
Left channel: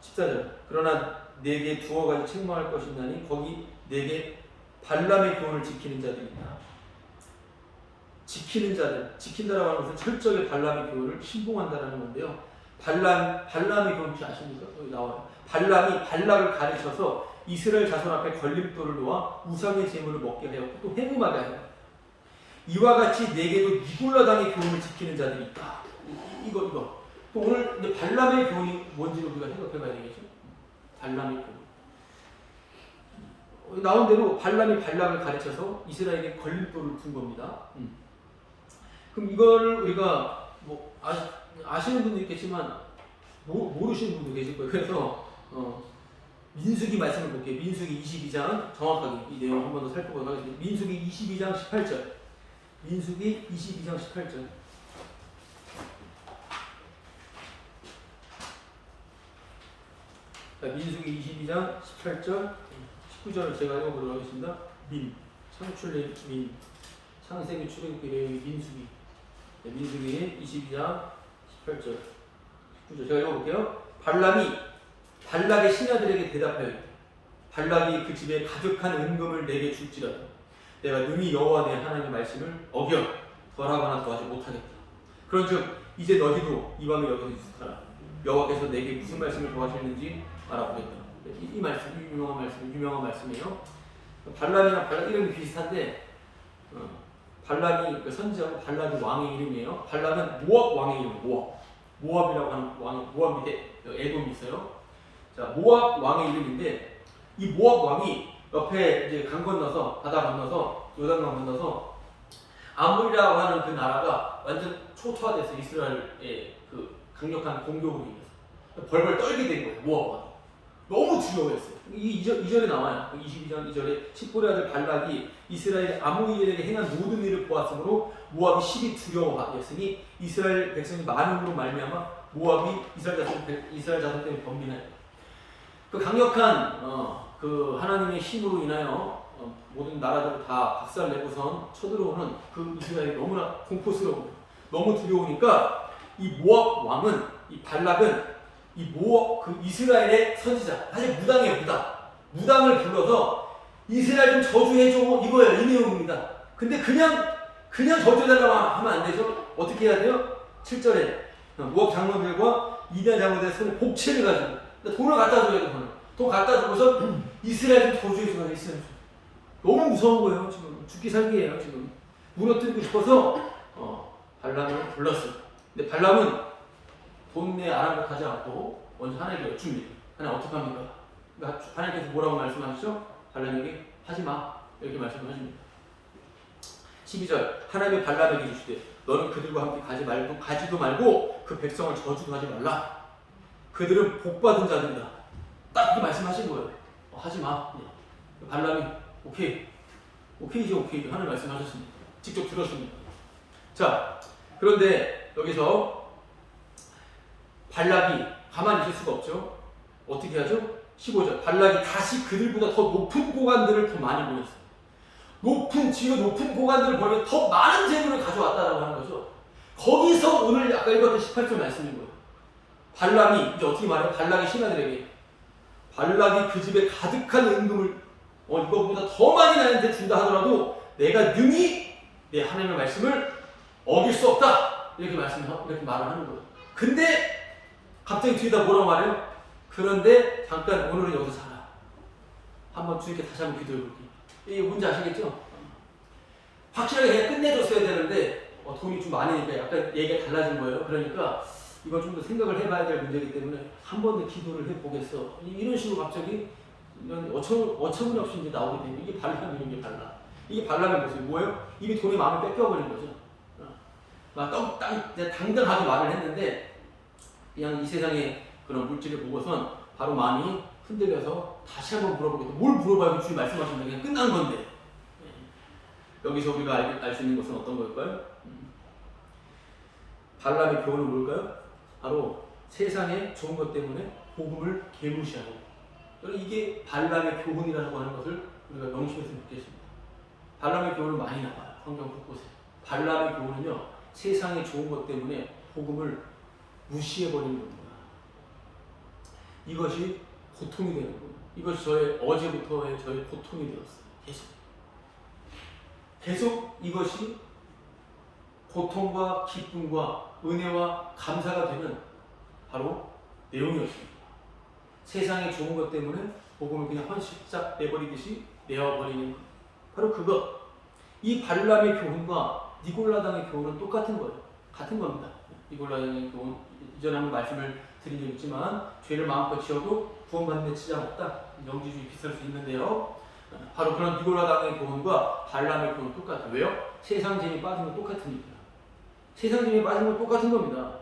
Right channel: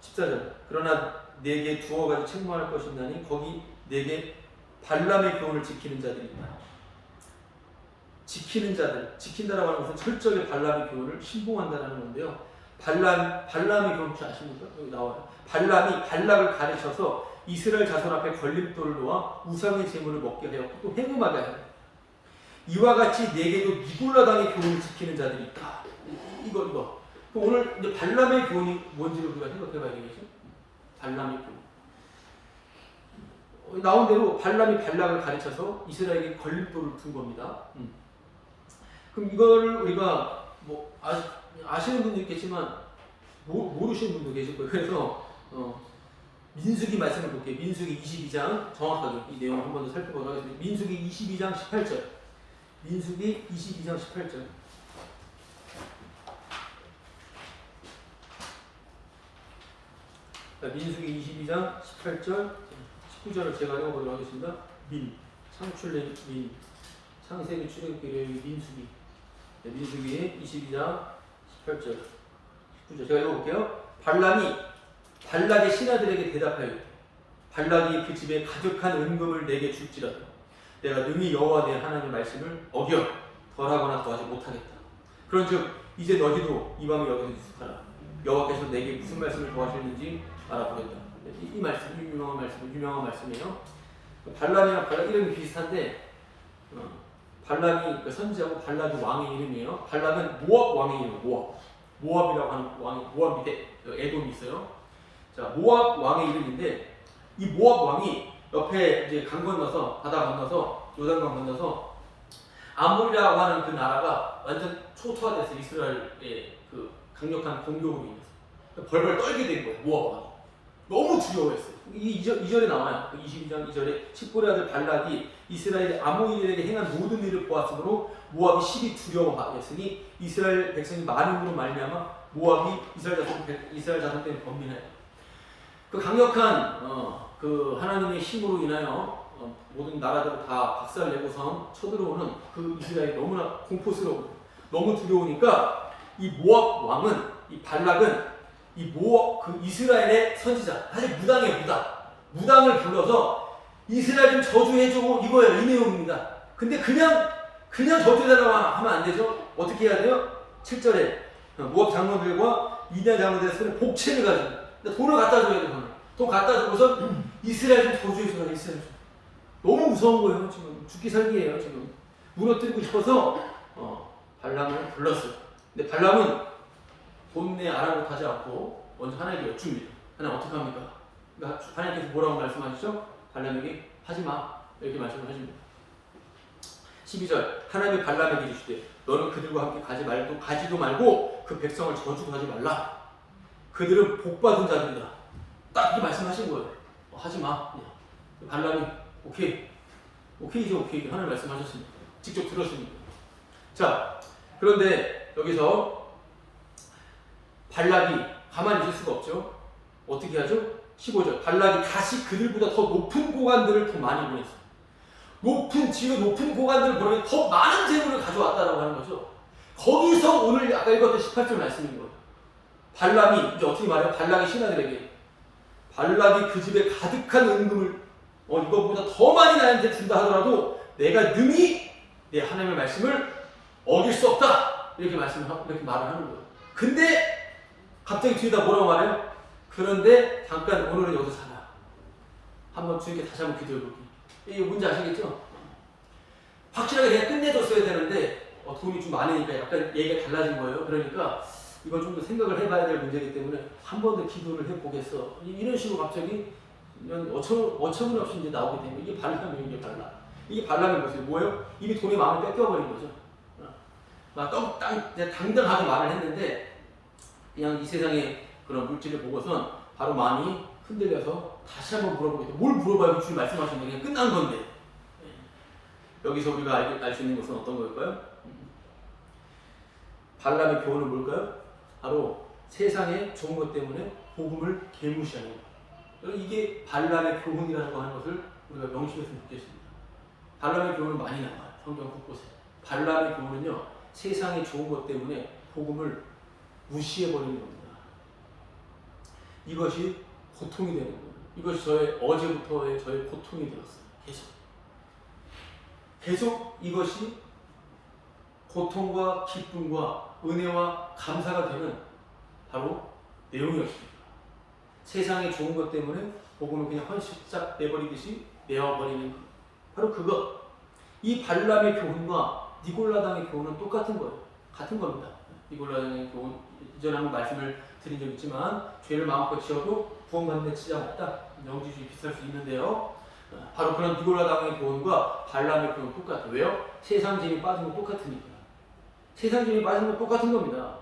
14절 그러나 내게 두어 가지 책망할 것이 있나니 거기 내게 발람의 교훈을 지키는 자들이 있다. 지키는 자들, 지킨다라고 하는 것은 철저하게 발람의 교훈을 신봉한다라는 건데요. 발람의 교훈 혹시 아십니까? 여기 나와요. 발람이 발락을 가르쳐서 이스라엘 자손 앞에 걸림돌을 놓아 우상의 제물을 먹게 하였고 또 행음하게 하였다. 이와 같이 내게도 니골라당의 교훈을 지키는 자들이 있다. 이거. 오늘 이제 발람의 교훈이 뭔지를 우리가 생각해봐야 되겠죠? 발람의 교훈. 나온 대로 발람이 발락을 가르쳐서 이스라엘에게 걸림돌을 둔 겁니다. 그럼 이거를 우리가 뭐 아시는 분도 있겠지만 모르시는 분도 계실 거예요. 그래서 민수기 말씀을 볼게요. 민수기 22장 정확하게 이 내용을 한 번 더 살펴보도록 하겠습니다. 민수기 22장 18절. 민수기 22장 18절. 자, 민수기 22장 18절 19절을 제가 읽어보도록 하겠습니다. 창출의 창세기 출애굽기 레위기 민수기. 네, 민수기 22장 18절 19절 제가 읽어볼게요. 발람이 발락의 신하들에게 대답하여 발락이 그 집에 가득한 은금을 내게 줄지라도 내가 능히 여호와 내 하나님의 말씀을 어겨 덜하거나 더하지 못하겠다. 그런즉 이제 너희도 이 밤에 여기서 유숙하라. 여호와께서 내게 무슨 말씀을 더하시는지 알아보겠다. 이 말씀 유명한 말씀이에요. 발람이랑 발락 이름이 비슷한데 발람이 그 선지자고 발락이 왕의 이름이에요. 발락은 모압 왕의 이름이에요. 모압이라고 하는 왕이 모압 밑에 에돔이 있어요. 자, 모압 왕의 이름인데 이 모압 왕이 옆에 이제 강 건너서 바다 건너서 요단강 건너서 아몰이라고 하는 그 나라가 완전 초토화돼서 이스라엘의 그 강력한 공격으로 인해서 벌벌 떨게 된 거예요. 모압 왕이 너무 두려워했어요. 이 2절에 나와요. 22장 2절에 칡볼의 아들 발락이 이스라엘의 아모리들에게 행한 모든 일을 보았으므로 모압이 심히 두려워하였으니 이스라엘 백성이 많음으로 말미암아 모압이 이스라엘 자손 때문에 번민하였다. 그 강력한 그 하나님의 힘으로 인하여 모든 나라들을 다 박살내고선 쳐들어오는 그 이스라엘이 너무나 공포스러워, 너무 두려우니까 이 모압 왕은, 이 발락은 이 모압 그 이스라엘의 선지자, 사실 무당이에요, 무당을 불러서 이스라엘 좀 저주해줘, 이거예요, 이 내용입니다. 근데 그냥 저주해달라고 하면 안 되죠. 어떻게 해야 돼요? 7절에 모압 장로들과 미디안 장로들의 손에 복채를 가지고 돈을 갖다 줘야 돼요. 돈 갖다 주고서 이스라엘 좀 저주해줘라, 이스라엘 좀. 너무 무서운 거예요, 지금. 죽기 살기예요, 지금. 무너뜨리고 싶어서 발람을 불렀어요. 근데 발람은 돈내 아랑곳하지 않고 먼저 하나님께 여쭙니다. 하나님 어떻게 합니까? 그러니까 하나님께서 뭐라고 말씀하시죠? 발람에게 하지마, 이렇게 말씀을 하십니다. 12절 하나님이 발람에게 이르시되 너는 그들과 함께 가지도 말고 그 백성을 저주도 하지 말라. 그들은 복받은 자들이다. 딱 이렇게 말씀하신 거예요. 하지마. 발람이 오케이죠. 하나님 말씀하셨으니까. 직접 들었으니까. 자, 그런데 여기서 발락이 가만히 있을 수가 없죠. 어떻게 하죠? 15절 발락이 다시 그들보다 더 높은 고관들을 더 많이 보냈어요. 지가 높은 고관들을 보내면 더 많은 재물을 가져왔다라고 하는 거죠. 거기서 오늘 아까 읽었던 18절 말씀인 거예요. 발람이 이제 어떻게 말해요? 발락이 신하들에게 발락이 그 집에 가득한 은금을 이것보다 더 많이 나한테 준다 하더라도 내가 능히 내 하나님의 말씀을 어길 수 없다. 이렇게 말을 하는 거예요. 근데 갑자기 뒤에다 뭐라고 말해요? 그런데 잠깐 오늘은 여기서 살아. 한번 주님께 다시 한번 기도해 볼게요. 이게 뭔지 아시겠죠? 확실하게 그냥 끝내줬어야 되는데 돈이 좀 많으니까 약간 얘기가 달라진 거예요. 그러니까 이건 좀 더 생각을 해봐야 될 문제이기 때문에 한 번 더 기도를 해보겠어. 이런 식으로 갑자기 어처구니없이 이제 나오게 되면 이게 발람이에요. 이게 발람의 모습이 뭐예요? 이미 돈이 마음을 뺏겨버린 거죠. 막 당당하게 말을 했는데 그냥 이 세상의 그런 물질을 보고선 바로 마음이 흔들려서 다시 한번 물어보겠다. 뭘 물어봐요? 주님 말씀하셨는데 그냥 끝난 건데. 여기서 우리가 알 수 있는 것은 어떤 걸까요? 발람의 교훈은 뭘까요? 바로 세상의 좋은 것 때문에 복음을 개무시하는 거예요. 이게 발람의 교훈이라고 하는 것을 우리가 명심했으면 좋겠습니다. 발람의 교훈은 많이 나와요. 성경 곳곳에. 발람의 교훈은요, 세상의 좋은 것 때문에 복음을 무시해버리는 겁니다. 이것이 고통이 되는 거예요. 이것이 어제부터의 저의 고통이 되었어요. 계속 이것이 고통과 기쁨과 은혜와 감사가 되는 바로 내용이었습니다. 세상에 좋은 것 때문에 복음을 그냥 헌신짝 내버리듯이 내어버리는 것. 바로 그것. 이 발람의 교훈과 니골라당의 교훈은 똑같은 거예요. 같은 겁니다. 니골라당의 교훈, 이전에 한번 말씀을 드린 적 있지만 죄를 마음껏 지어도 구원받는 데 지장 없다. 명지주의 비슷할 수 있는데요. 바로 그런 니골라당의 교훈과 발람의 교훈은 똑같아요. 왜요? 세상 재미 빠진 건 똑같으니까요. 세상 재미 빠진 건 똑같은 겁니다.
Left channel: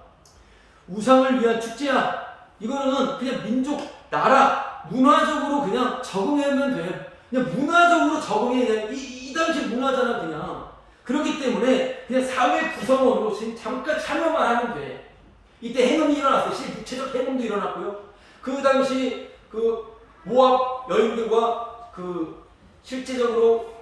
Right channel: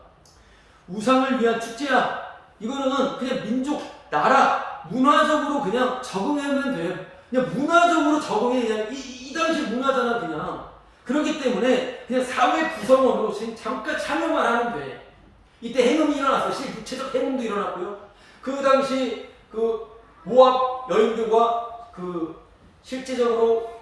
우상을 위한 축제야. 이거는 그냥 민족, 나라, 문화적으로 그냥 적응하면 돼요. 그냥 문화적으로 적응해. 그냥 이 당시 문화잖아, 그냥. 그렇기 때문에 그냥 사회 구성원으로 잠깐 참여만 하면 돼. 이때 행음이 일어났어요. 육체적 행음도 일어났고요. 그 당시 그 모압 여인들과 그 실제적으로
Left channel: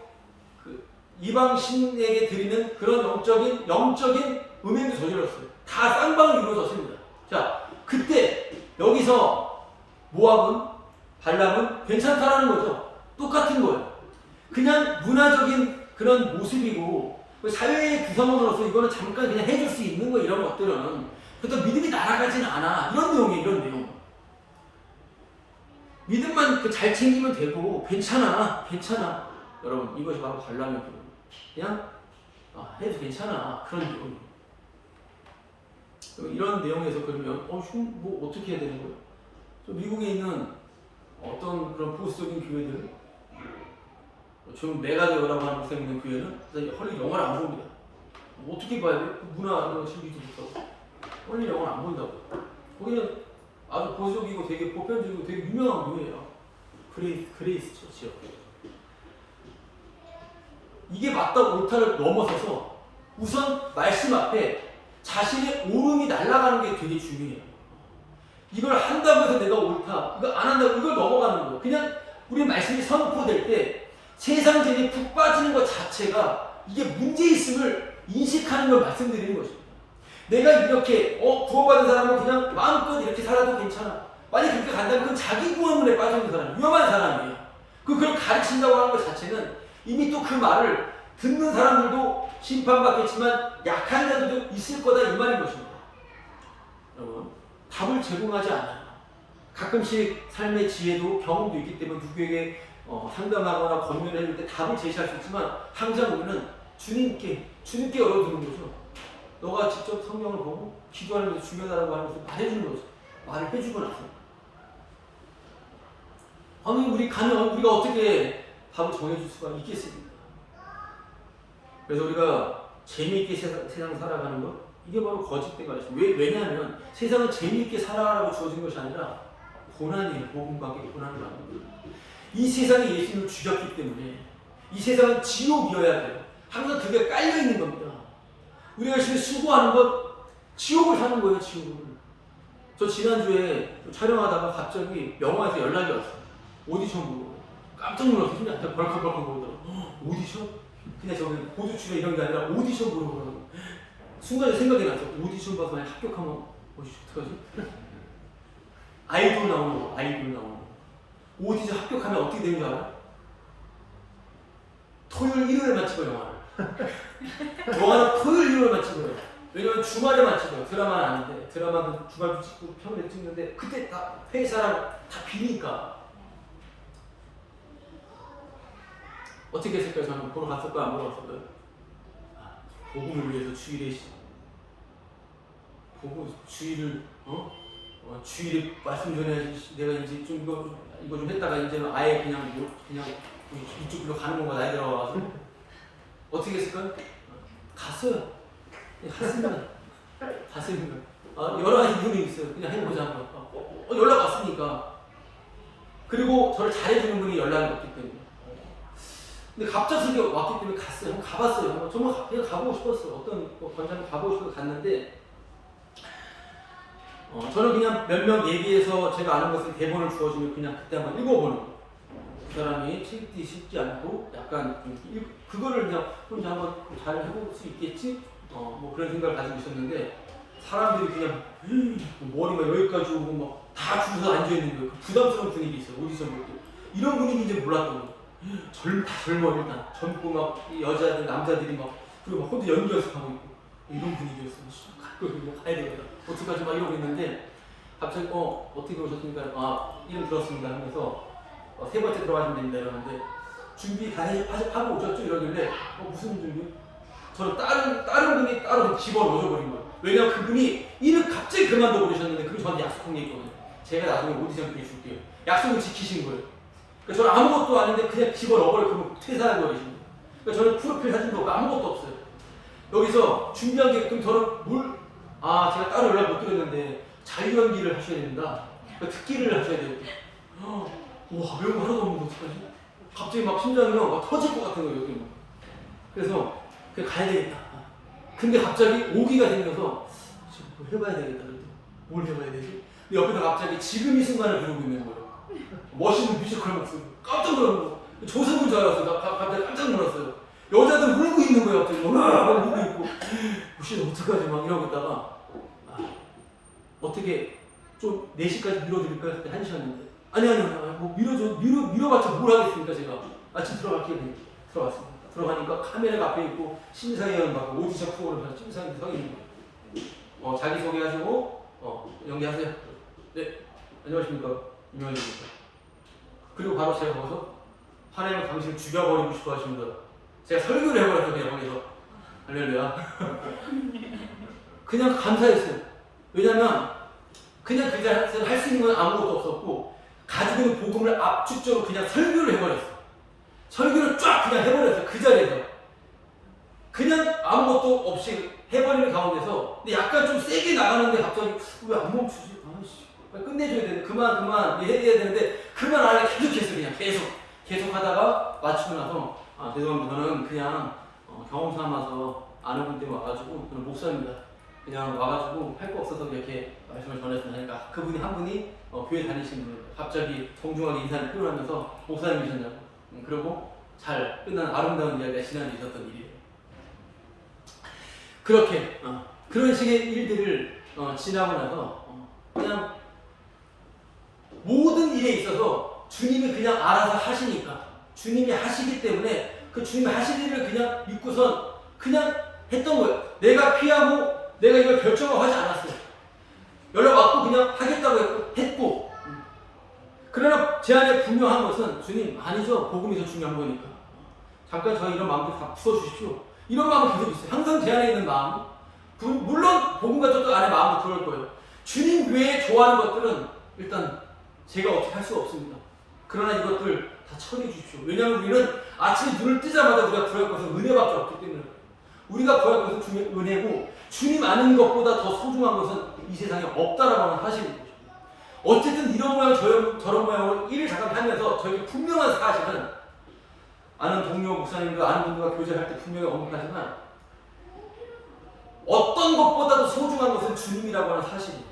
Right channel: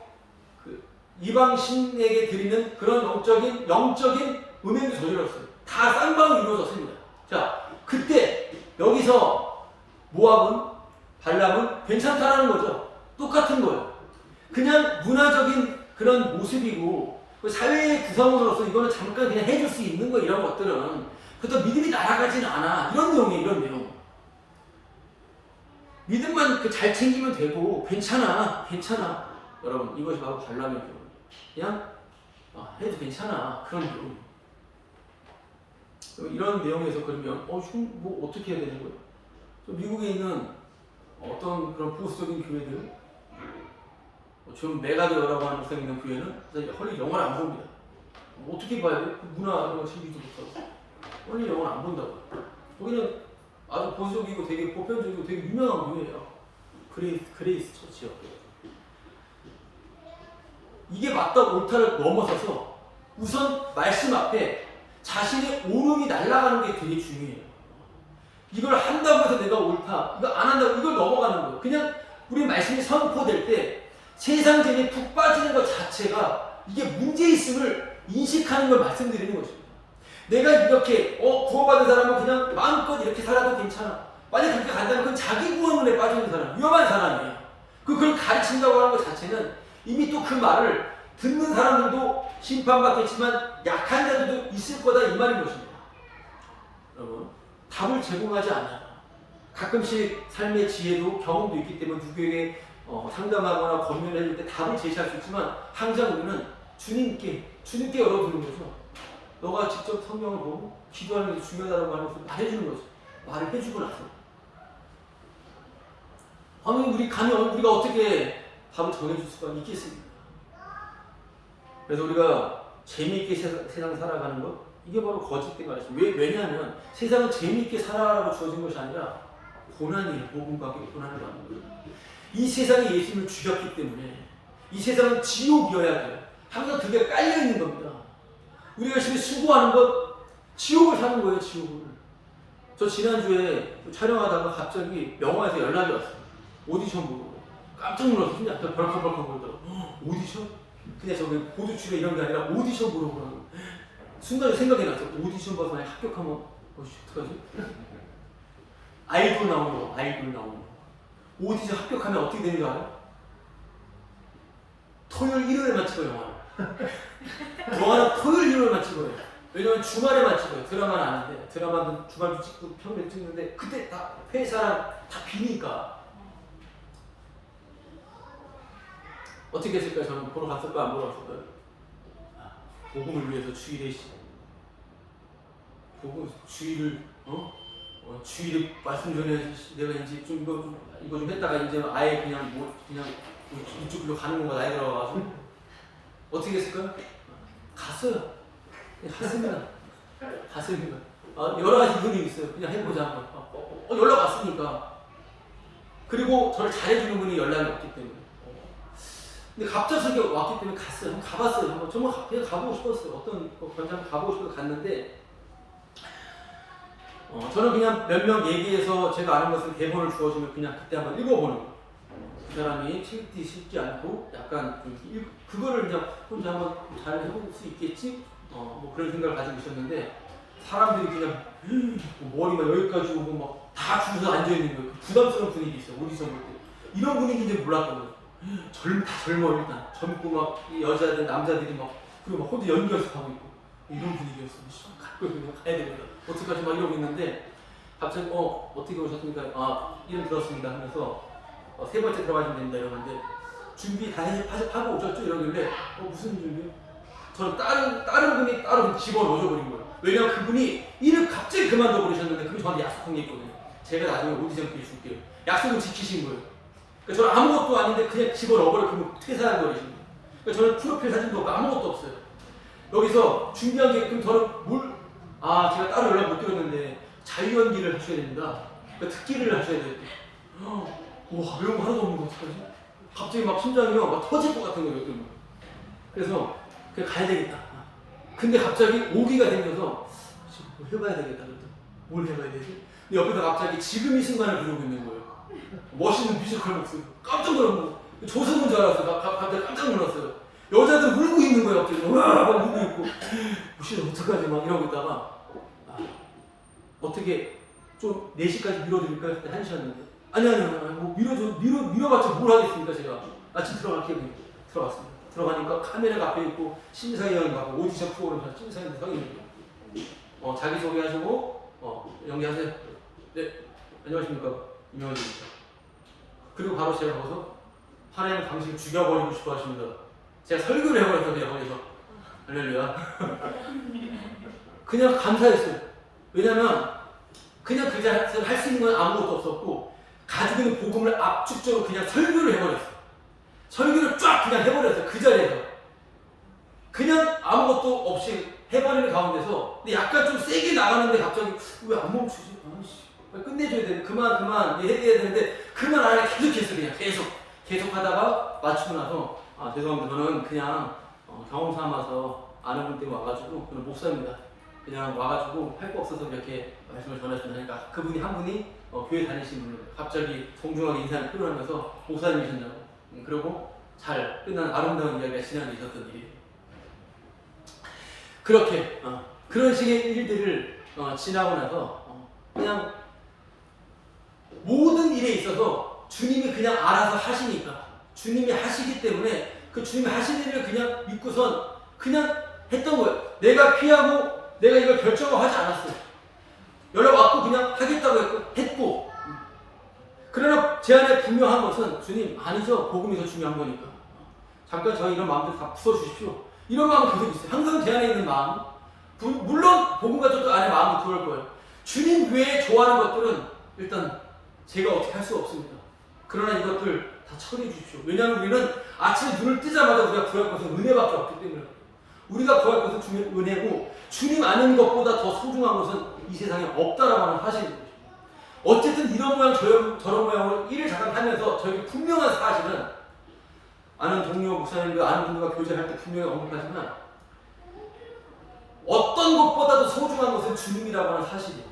그 이방 신에게 드리는 그런 영적인 음행도 저질렀어요. 다 쌍방으로 이루어졌습니다. 자, 그때 여기서 모압은 발람은 괜찮다라는 거죠. 똑같은 거예요. 그냥 문화적인 그런 모습이고 사회의 구성원으로서 이거는 잠깐 그냥 해줄 수 있는 거 이런 것들은 그렇다고 믿음이 날아가지는 않아. 이런 내용이에요. 이런 내용. 믿음만 잘 챙기면 되고 괜찮아. 여러분 이것이 바로 발람의 교훈. 그냥 해도 괜찮아. 그런 내용. 이런 내용에서 그러면 뭐 어떻게 해야 되는 거예요? 미국에 있는 어떤 그런 보수적인 교회들, 좀 메가더라고 하는 목사님 있는 교회는 헐리 영화를 안 봅니다. 어떻게 봐야 돼? 문화 이런 거 즐기지도 못하고 헐리 영화를 안 본다고. 거기는 아주 보수적이고 되게 보편적이고 되게 유명한 교회예요. 그레이스 처치요. 이게 맞다 옳다를 넘어서서 우선 말씀 앞에 자신의 옳음이 날아가는 게 되게 중요해요. 이걸 한다고 해서 내가 옳다, 이거 안 한다고 이걸 넘어가는 거예요. 그냥 우리 말씀이 선포될 때 세상 재미에 푹 빠지는 것 자체가 이게 문제있음을 인식하는 걸 말씀드리는 것입니다. 내가 이렇게 구원받은 사람은 그냥 마음껏 이렇게 살아도 괜찮아. 만약 그렇게 간다면 그건 자기 구원론에 빠지는 사람, 위험한 사람이에요. 그걸 가르친다고 하는 것 자체는 이미 또 그 말을 듣는 사람들도 심판받겠지만 약한 자들도 있을 거다, 이 말인 것입니다. 여러분, 답을 제공하지 않아요. 가끔씩 삶의 지혜도 경험도 있기 때문에 누구에게 상담하거나 권면해 줄 때 답을 제시할 수 있지만 항상 우리는 주님께 열어두는 거죠. 너가 직접 성경을 보고 기도하는 것도 중요하다고 하는 것을 말해주는 거죠. 말을 해주고 나서 우리가 어떻게 답을 정해줄 수가 있겠습니까? 그래서 우리가 재미있게 세상 살아가는 것, 이게 바로 거짓된 가르침. 왜냐하면 세상은 재미있게 살아가라고 주어진 것이 아니라 고난이에요. 복음과 함께 고난을 받는 거예요. 이 세상에 예수님을 죽였기 때문에 이 세상은 지옥이어야 돼요. 항상 그게 깔려있는 겁니다. 우리가 열심히 수고하는 것, 지옥을 사는 거예요. 지옥을. 저 지난주에 촬영하다가 갑자기 영화에서 연락이 왔어요. 오디션 보고. 깜짝 놀라서 심장 벌컥벌컥 거리더라고. 오디션? 그냥 저기 보조 출연 이런 게 아니라 오디션 보러 오라고. 순간에 생각이 났어. 오디션 봐서 만약 합격하면 어떡하지? 아이돌 나오는 거. 오디션 합격하면 어떻게 되는 줄 알아요? 토요일 일요일에만 찍어요, 영화를. 영화는 토요일 일요일만 찍어요. 왜냐면 주말에만 찍어요. 드라마는 아닌데. 드라마는 주말도 찍고 평일에 찍는데 그때 다 회사랑 다 비니까. 어떻게 했을까요? 저는 보러 갔을까요? 안 보러 갔을까요? 복음을 위해서 주일에 주일에 말씀 전해야지. 내가 이제 좀 이거 좀 했다가 이제 아예 그냥 이쪽으로 가는 건가 나이 들어가서 어떻게 했을까요? 갔어요. 갔습니다. 여러 가지 이유는 있어요. 그냥 해보자 한번. 연락 왔으니까. 그리고 저를 잘해주는 분이 연락이 왔기 때문에. 근데 갑작스럽게 왔기 때문에 갔어요. 한번 가봤어요. 정말 그냥 가보고 싶었어요. 어떤 권장 가보고 싶어서 갔는데 저는 그냥 몇 명 얘기해서 제가 아는 것을 대본을 주어주면 그냥 그때 한번 읽어보는 거. 그 사람이 책 읽기 쉽지 않고 약간 그거를 그냥 혼자 한번 잘 해볼 수 있겠지? 뭐 그런 생각을 가지고 있었는데 사람들이 그냥 머리가 여기까지 오고 막 다 줄서 앉아있는 거예요. 부담스러운 분위기 있어요. 오디션 볼 때. 이런 분위기인지 몰랐던 거예요. 다 젊어 일단. 젊고 막 여자들, 남자들이 막 그리고 막 혼자 연기 연습하고 있고 이런 분위기였어. 그냥 가야 되겠다. 어떡하지 막 이러고 있는데 갑자기 어떻게 오셨습니까? 이름 들었습니다 하면서 세 번째 들어가시면 됩니다 이러는데 준비 다 하고 오셨죠? 이러길래 무슨 준비요? 저는 다른 분이 따로 집어넣어줘 버린 거예요. 왜냐면 그분이 일을 갑자기 그만둬 버리셨는데 그분이 저한테 약속한 게 있거든요. 제가 나중에 오디션 기회 줄게요. 약속을 지키신 거예요. 그러니까 저는 아무것도 아닌데 그냥 집어넣어버려 그러면 퇴사해버리신 거예요. 그러니까 저는 프로필 사진도 없고 아무것도 없어요. 여기서 준비한 게 그럼 저는 제가 따로 연락 못 드렸는데 자유연기를 하셔야 됩니다. 그러니까 특기를 하셔야 돼요. 와, 외운 거 하나도 없는데 어떡하지? 갑자기 막 심장이 막 터질 것 같은 거예요. 그래서 그냥 가야 되겠다. 근데 갑자기 오기가 생겨서 지금 뭐 해봐야 되겠다. 그래도 뭘 해봐야 되지? 근데 옆에서 갑자기 지금 이 순간을 부르고 있는 거예요. 멋있는 뮤지컬 목소리. 깜짝 놀란 거예요. 조성은 줄 알았어요. 갑자기 깜짝 놀랐어요. 여자들 울고 있는 거예요. 갑자기 막 울고 있고 어떡하지 막 이러고 있다가 어떻게 좀 4시까지 밀어드릴까요? 그때 1시였는데 아니요 뭐 밀어봤자 뭘 하겠습니까? 제가 아침 들어갈게요. 들어갔습니다. 들어가니까 카메라가 앞에 있고 심사위원 막 오디션 프로그램 심사위원 서 있는 거예요. 자기소개하시고 연기하세요. 네, 안녕하십니까, 이명환입니다. 그리고 바로 제가 거기서 하나님은 당신을 죽여버리고 싶어 하십니다. 제가 설교를 해버렸어요. 그냥 거기서 할렐루야. 그냥 감사했어요. 왜냐면 그냥 그 자리에서 할 수 있는 건 아무것도 없었고 가지고 있는 복음을 압축적으로 그냥 설교를 해버렸어요. 설교를 쫙 그냥 해버렸어요. 그 자리에서 그냥 아무것도 없이 해버리는 가운데서 근데 약간 좀 세게 나가는데 갑자기 왜 안 멈추지? 빨리 끝내줘야 되는데 그만 해야 되는데 그만 안 해. 계속했어요. 그냥 계속 하다가 마치고 나서 죄송합니다. 저는 그냥 경험 삼아서 아는 분 때문에 와가지고 저는 목사입니다. 그냥 와가지고 할 거 없어서 이렇게 말씀을 전했으나 하니까 그분이 한 분이 교회 다니시는 분이에요. 갑자기 정중하게 인사를 표현하면서 목사님이셨냐고. 그리고 잘 끝난 아름다운 이야기가 지난해 있었던 일이에요. 그렇게 그런 식의 일들을 지나고 나서 그냥 모든 일에 있어서 주님이 그냥 알아서 하시니까 주님이 하시기 때문에 그 주님이 하실 일을 그냥 믿고선 그냥 했던 거예요. 내가 피하고 내가 이걸 결정을 하지 않았어요. 연락 왔고 그냥 하겠다고 했고 그러나 제 안에 분명한 것은 주님 아니죠. 복음이 더 중요한 거니까. 잠깐 저희 이런 마음들 다 풀어주십시오. 이런 마음은 계속 있어요. 항상 제 안에 있는 마음. 물론 복음 가족들 안에 마음도 그럴 거예요. 주님 교회에 좋아하는 것들은 일단 제가 어떻게 할 수가 없습니다. 그러나 이것들 다 처리해 주십시오. 왜냐하면 우리는 아침에 눈을 뜨자마자 우리가 구할 것은 은혜밖에 없기 때문에 우리가 구할 것은 주님의 은혜고 주님 아는 것보다 더 소중한 것은 이 세상에 없다라고 하는 사실인 것입니다. 어쨌든 이런 모양 저런 모양으로 일을 잠깐 하면서 저에게 분명한 사실은 아는 동료 목사님들 아는 분들과 교제할 때 분명히 언급하지만 어떤 것보다도 소중한 것은 주님이라고 하는 사실이에요.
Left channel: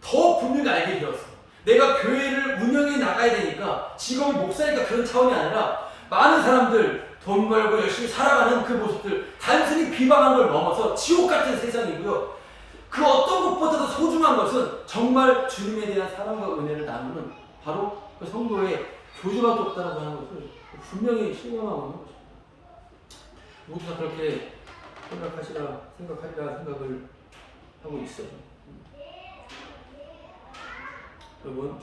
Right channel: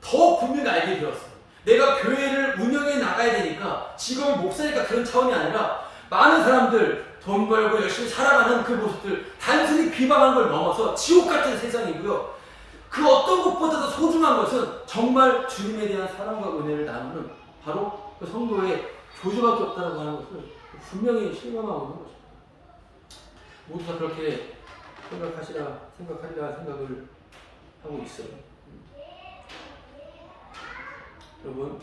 더 분명히 알게 되었어요. 내가 교회를 운영해 나가야 되니까 직업이 목사니까 그런 차원이 아니라 많은 사람들 돈 벌고 열심히 살아가는 그 모습들 단순히 비방하는 걸 넘어서 지옥 같은 세상이고요. 그 어떤 것보다도 소중한 것은 정말 주님에 대한 사랑과 은혜를 나누는 바로 그 성도의 교제밖에 없다라고 하는 것을 분명히 실감하고 있는 것입니다. 모두 다 그렇게 생각하리라 생각을 하고 있어요. 여러분,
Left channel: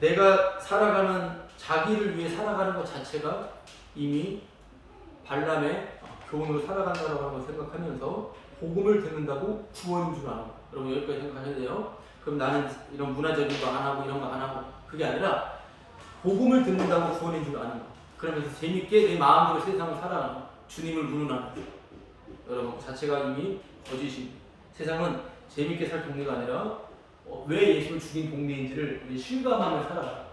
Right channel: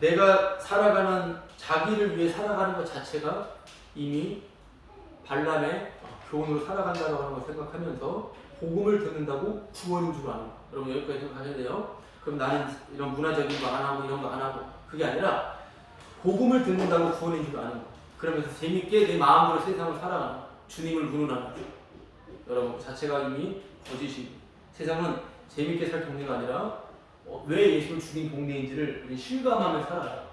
내가 살아가는 자기를 위해 살아가는 것 자체가 이미 발람의 교훈으로 살아간다고 하는 걸 생각하면서 복음을 듣는다고 구원인 줄 아는 거. 여러분 여기까지 생각하셔야 돼요. 그럼 나는 이런 문화적인 거 안 하고 이런 거 안 하고 그게 아니라 복음을 듣는다고 구원인 줄 아는 거. 그러면서 재밌게 내 마음대로 세상을 살아가는 거. 주님을 문운하는 거. 여러분 그 자체가 이미 거짓입니다. 세상은 재밌게 살 동네가 아니라 왜 예수를 죽인 동네인지를 우리 실감하며 살아가요.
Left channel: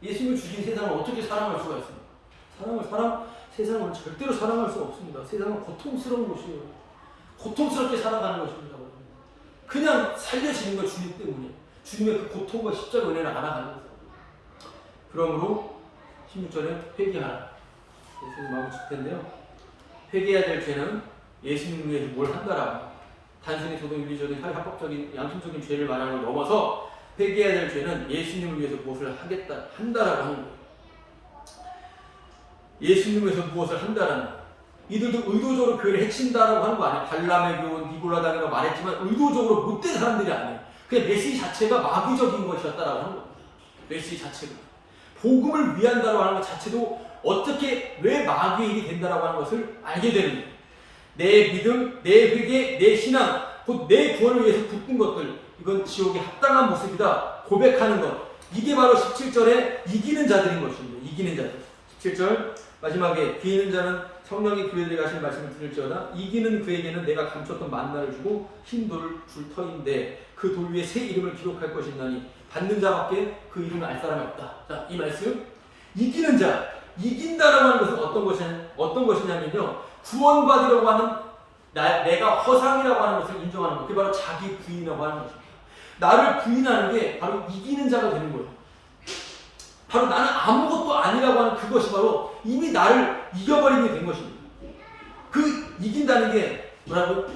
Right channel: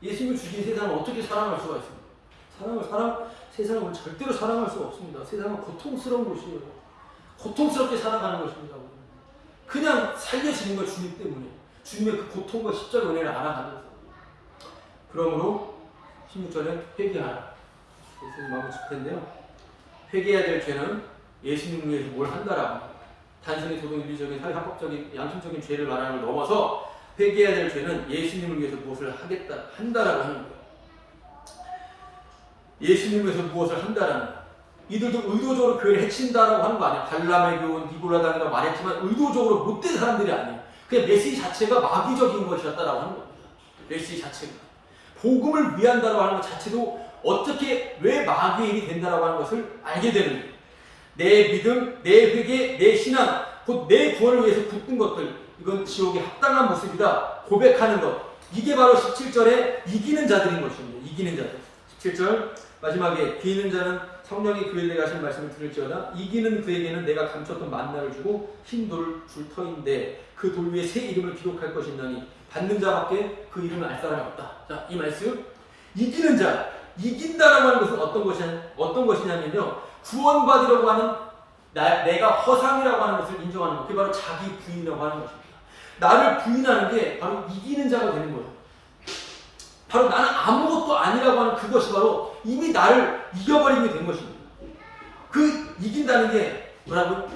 예수님을 죽인 세상을 어떻게 사랑할 수가 있습니까? 세상을 절대로 사랑할 수가 없습니다. 세상은 고통스러운 곳이에요. 고통스럽게 살아가는 것입니다. 그냥 살려지는 거 주님 때문에. 주님의 그 고통과 십자가 은혜를 알아가면서. 그러므로 16절에 회개하라. 예수님 마음을 칠 텐데요. 회개해야 될 죄는 예수님을 위해서 뭘 한다라고 합니다. 단순히 도덕윤리적인 사회합법적인 양심적인 죄를 말하는 걸 넘어서 회개해야 될 죄는 예수님을 위해서 무엇을 한다라고 하는 거예요. 예수님을 위해서 무엇을 한다라는 거예요. 이들도 의도적으로 교회를 해친다라고 하는 거 아니에요. 발람의 교훈, 니골라당이라고 말했지만 의도적으로 못된 사람들이 아니에요. 그냥 메시지 자체가 마귀적인 것이었다라고 하는 겁니다. 메시지 자체가. 복음을 위한다라고 하는 것 자체도 어떻게 왜 마귀의 일이 된다라고 하는 것을 알게 되는 거예요. 내 믿음, 내 회개, 내 신앙, 곧 내 구원을 위해서 붙든 것들, 이건 지옥에 합당한 모습이다 고백하는 것, 이게 바로 17절에 이기는 자들인 것입니다. 이기는 자들. 17절 마지막에 비는 자는 성령이 그에게 하신 말씀을 들을지어다 이기는 그에게는 내가 감췄던 만나를 주고 흰 돌을 줄 터인데 그 돌 위에 새 이름을 기록할 것이나니 받는 자밖에 그 이름을 알 사람이 없다. 자, 이 말씀 이기는 자, 이긴다라고 하는 것은 어떤 것이냐면요, 구원받으려고 하는 내가 허상이라고 하는 것을 인정하는 것, 그게 바로 자기 부인이라고 하는 것입니다. 나를 부인하는 게 바로 이기는 자가 되는 거예요. 바로 나는 아무것도 아니라고 하는 그것이 바로 이미 나를 이겨버리게 된 것입니다. 그 이긴다는 게 뭐라고?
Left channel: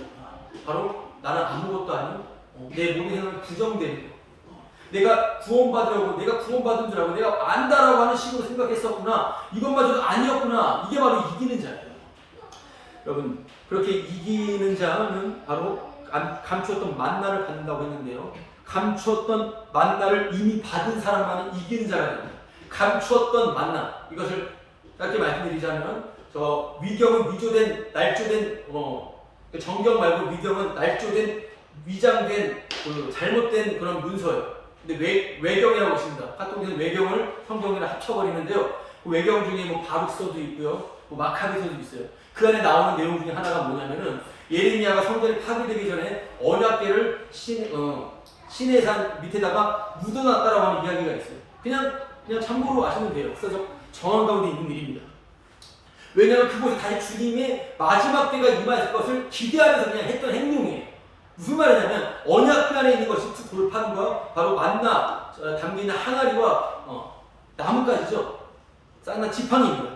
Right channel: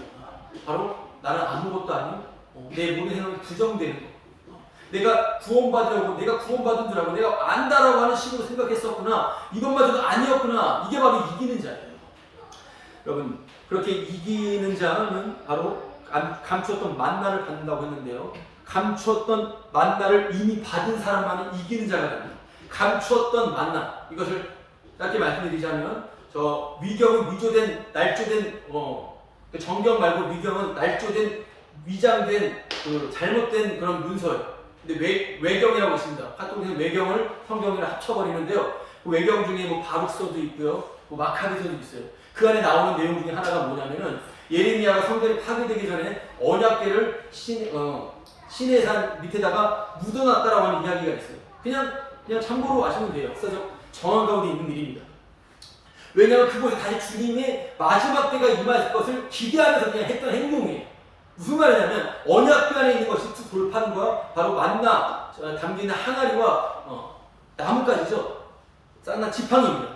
바로 나는 아무것도 아니고 내 몸의 생각이 부정되는 것. 내가 구원받으려고, 내가 구원받은 줄 알고 내가 안다라고 하는 식으로 생각했었구나, 이것마저도 아니었구나, 이게 바로 이기는 자예요. 여러분, 그렇게 이기는 자는 바로 감추었던 만나를 받는다고 했는데요, 감추었던 만나를 이미 받은 사람만이 이기는 자가 됩니다. 감추었던 만나, 이것을 짧게 말씀드리자면 저 위경은 위조된, 날조된 그 정경 말고 위경은 날조된, 위장된 그 잘못된 그런 문서예요. 근데 외경이라고 있습니다. 카톨릭은 외경을 성경이랑 합쳐버리는데요, 그 외경 중에 뭐 바룩서도 있고요, 뭐 마카비서도 있어요. 그 안에 나오는 내용 중에 하나가 뭐냐면은 예레미야가 성전이 파괴되기 전에 언약궤를 시내 산 밑에다가 묻어놨다라고 하는 이야기가 있어요. 그냥 참고로 아시면 돼요. 역사적 정황 가운데 있는 일입니다. 왜냐하면 그곳에 다시 주님의 마지막 때가 임할 것을 기대하면서 그냥 했던 행동이에요. 무슨 말이냐면 언약궤 안에 있는 것이 돌판과 바로 만나 담기는 항아리와 나뭇가지죠. 쌍난 지팡이입니다.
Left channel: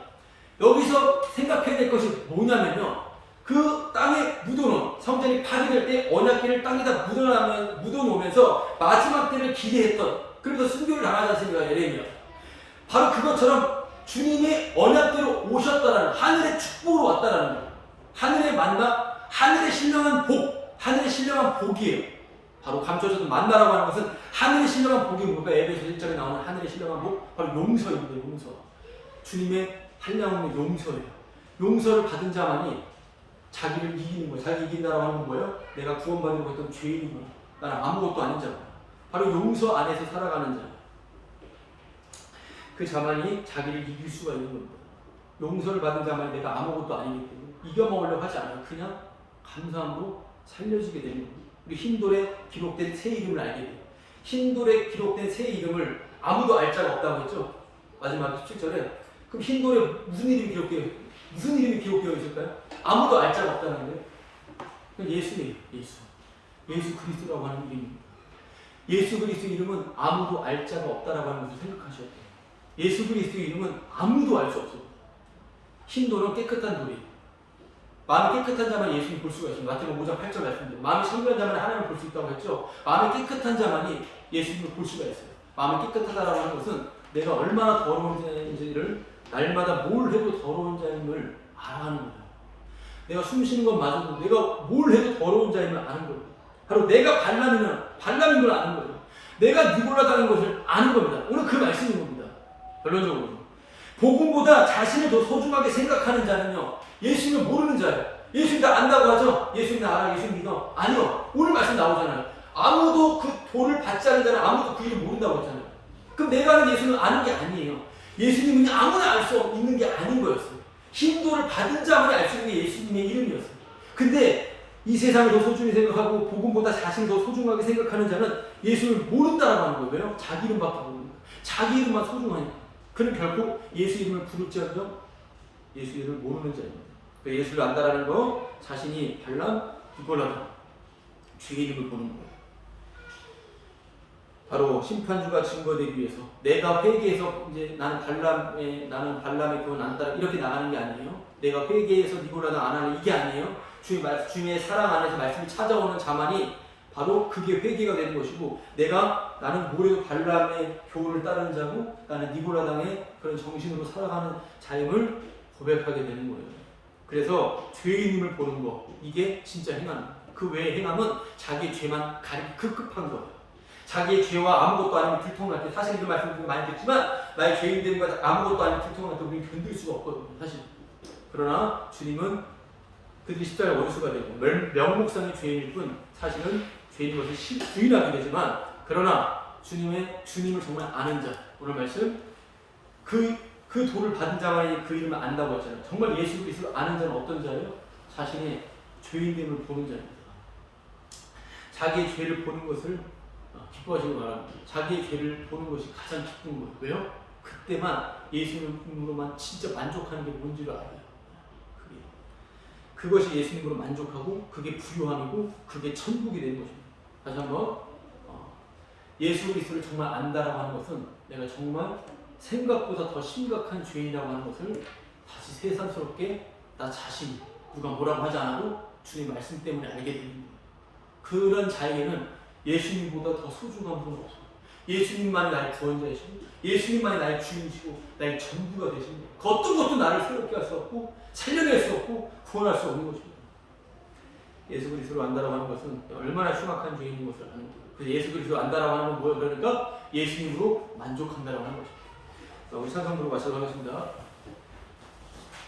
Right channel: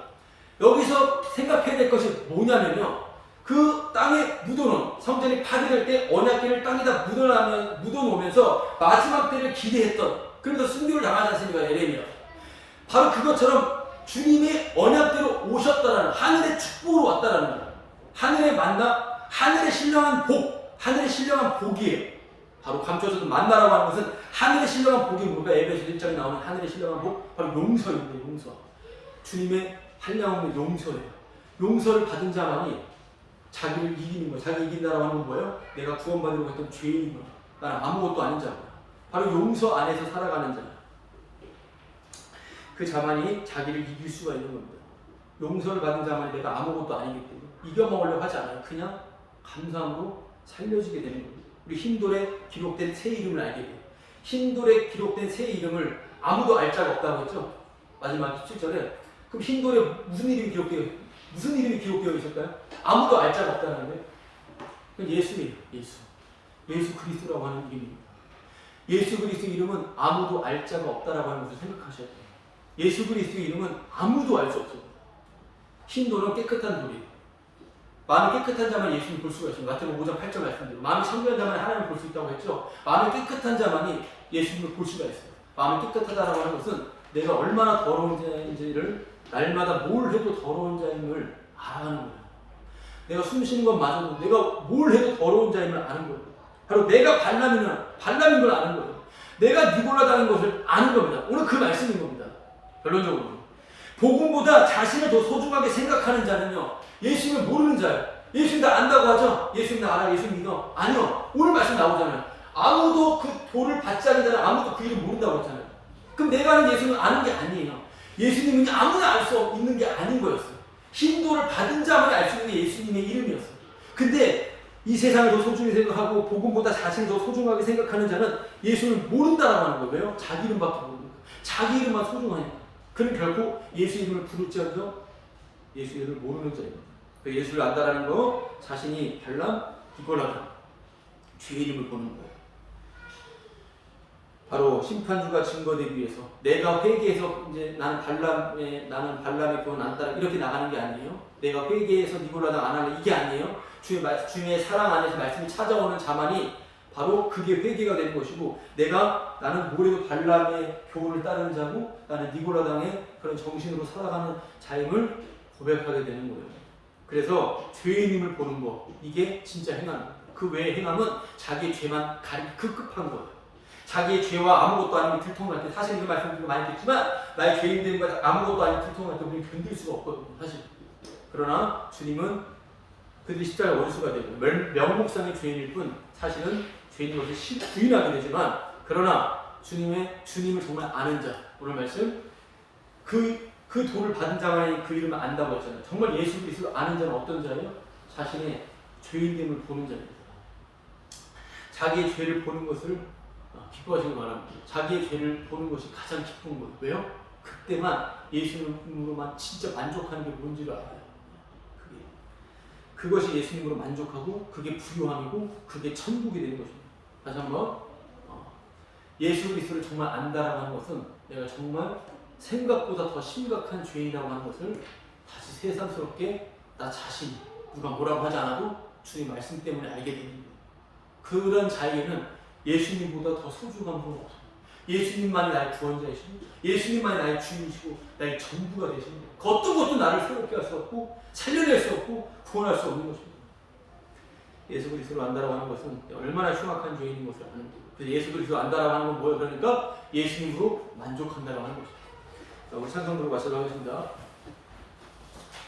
여기서 생각해야 될 것이 뭐냐면요. 그 땅에 묻어놓은 성전이 파괴될 때 언약궤를 땅에다 묻어놓으면서 마지막 때를 기대했던, 그러면서 순교를 당하지 않습니까? 예레미야. 바로 그것처럼 주님의 언약대로 오셨다라는, 하늘의 축복으로 왔다라는 거예요. 하늘의 만나, 하늘의 신령한 복, 하늘의 신령한 복이에요. 바로 감춰졌던 만나라고 하는 것은 하늘의 신령한 복이 뭡니까? 에베소 1장에 나오는 하늘의 신령한 복, 바로 용서입니다. 용서. 주님의 한량없는 용서예요. 용서를 받은 자만이 자기를 이기는 거예요. 자기 이긴다라고 하는 건 뭐예요? 내가 구원받으려고 했던 죄인인 거예요. 나는 아무것도 아닌 자구나. 바로 용서 안에서 살아가는 자. 그 자만이 자기를 이길 수가 있는 겁니다. 용서를 받은 자만이 내가 아무것도 아니기 때문에 이겨먹으려고 하지 않아요. 그냥 감사함으로 살려주게 되는 겁니다. 우리 흰돌에 기록된 새 이름을 알게 돼요. 흰돌에 기록된 새 이름을 아무도 알 자가 없다고 했죠. 마지막 7절에. 그럼 흰돌에 무슨 이름이 기록되어 있을까요? 아무도 알 자가 없다는데. 그건 예수예요. 예수 그리스도라고 하는 이름입니다. 예수 그리스도 이름은 아무도 알 자가 없다라고 하는 것을 생각하셔야 돼요. 예수 그리스도 이름은 아무도 알 수 없습니다. 흰돌은 깨끗한 돌이에요. 마음이 깨끗한 자만 예수님 볼 수가 있습니다. 마태복음 5장 8절 말씀대로 마음이 청결한 자만 하나님을 볼 수 있다고 했죠. 마음이 깨끗한 자만이 예수님을 볼 수가 있어요. 마음이 깨끗하다라고 하는 것은 내가 얼마나 더러운 자인지를 날마다 뭘 해도 더러운 자임을 알아가는 거예요. 내가 숨 쉬는 것마저도 내가 뭘 해도 더러운 자임을 아는 거예요. 바로 내가 발람인 걸 아는 거예요. 내가 니골라당인 것을 아는 겁니다. 오늘 그 말씀인 겁니다. 결론적으로 복음보다 자신을 더 소중하게 생각하는 자는요, 예수님을 모르는 자예요. 예수님 다 안다고 하죠? 예수님 나 알아, 예수님 믿어. 아니요. 오늘 말씀 나오잖아요. 아무도 그 돌을 받지 않는 자는 아무도 그 이름 모른다고 했잖아요. 그럼 내가 아는 예수는 아는 게 아니에요. 예수님은 아무나 알 수 있는 게 아닌 거였어요. 흰 돌을 받은 자만이 알 수 있는 게 예수님의 이름이었어요. 근데 이 세상을 더 소중히 생각하고 복음보다 자신을 더 소중하게 생각하는 자는 예수를 모른다라고 하는 거예요. 왜요? 자기 이름밖에 모르니까. 자기 이름만 소중하니까. 그는 결코 예수 이름을 부를지언정 예수 이름을 모르는 자입니다. 예수를 안다라는 거, 자신이 발람, 니골라당, 주의 이름을 보는 거예요. 바로 심판주가 증거되기 위해서 내가 회개해서 이제 나는 발람의 교훈 안 따라 이렇게 나가는 게 아니에요. 내가 회개해서 니골라당 안 하는 이게 아니에요. 주님의 사랑 안에서 말씀이 찾아오는 자만이 바로 그게 회개가 되는 것이고, 나는 뭐래도 발람의 교훈을 따르는 자고 나는 니골라당의 그런 정신으로 살아가는 자임을 고백하게 되는 거예요. 그래서 죄인임을 보는 거, 이게 진짜 행함입니다. 그 외의 행함은 자기의 죄만 가리기 급급한 거예요. 자기의 죄와 아무것도 아니면 들통날 때, 사실 이 말씀 많이 듣지만 나의 죄인 되는 거 아무것도 아니면 들통날 때 우리는 견딜 수가 없거든요, 사실. 그러나 주님은 그들이 십자가에 원수가 되고 명목상의 죄인일 뿐 사실은 죄인인 것을 부인하게 되지만, 그러나 주님을 정말 아는 자, 오늘 말씀 그 도를 받은 자만이 그 이름을 안다고 했잖아요. 정말 예수 그리스도를 아는 자는 어떤 자예요? 자신의 죄인됨을 보는 자입니다. 자기의 죄를 보는 것을 기뻐하시기 바랍니다. 자기의 죄를 보는 것이 가장 기쁜 거예요. 왜요? 그때만 예수님으로만 진짜 만족하는 게 뭔지를 알아요. 그것이 예수님으로 만족하고 그게 부유함이고 그게 천국이 되는 것입니다. 다시 한번 예수 그리스도를 정말 안다라고 하는 것은 내가 정말 생각보다 더 심각한 죄인이라고 하는 것을 다시 새삼스럽게 나 자신이 누가 뭐라고 하지 않아도 주님 말씀 때문에 알게 되는 거예요. 그런 자에게는 예수님보다 더 소중한 분은 없어요. 예수님만이 나의 구원자이시고 예수님만이 나의 주인이시고 나의 전부가 되시는 거예요. 그 어떤 것도 나를 새롭게 할 수 없고 살려낼 수 없고 구원할 수 없는 것입니다. 예수 그리스도를 안다라고 하는 것은 얼마나 흉악한 죄인인 것을 아는 거예요. 그래서 예수 그리스도를 안다라고 하는 건 뭐예요? 그러니까 예수님으로 만족한다라고 하는 것입니다. 우리 찬송 부르고 마치도록 하겠습니다.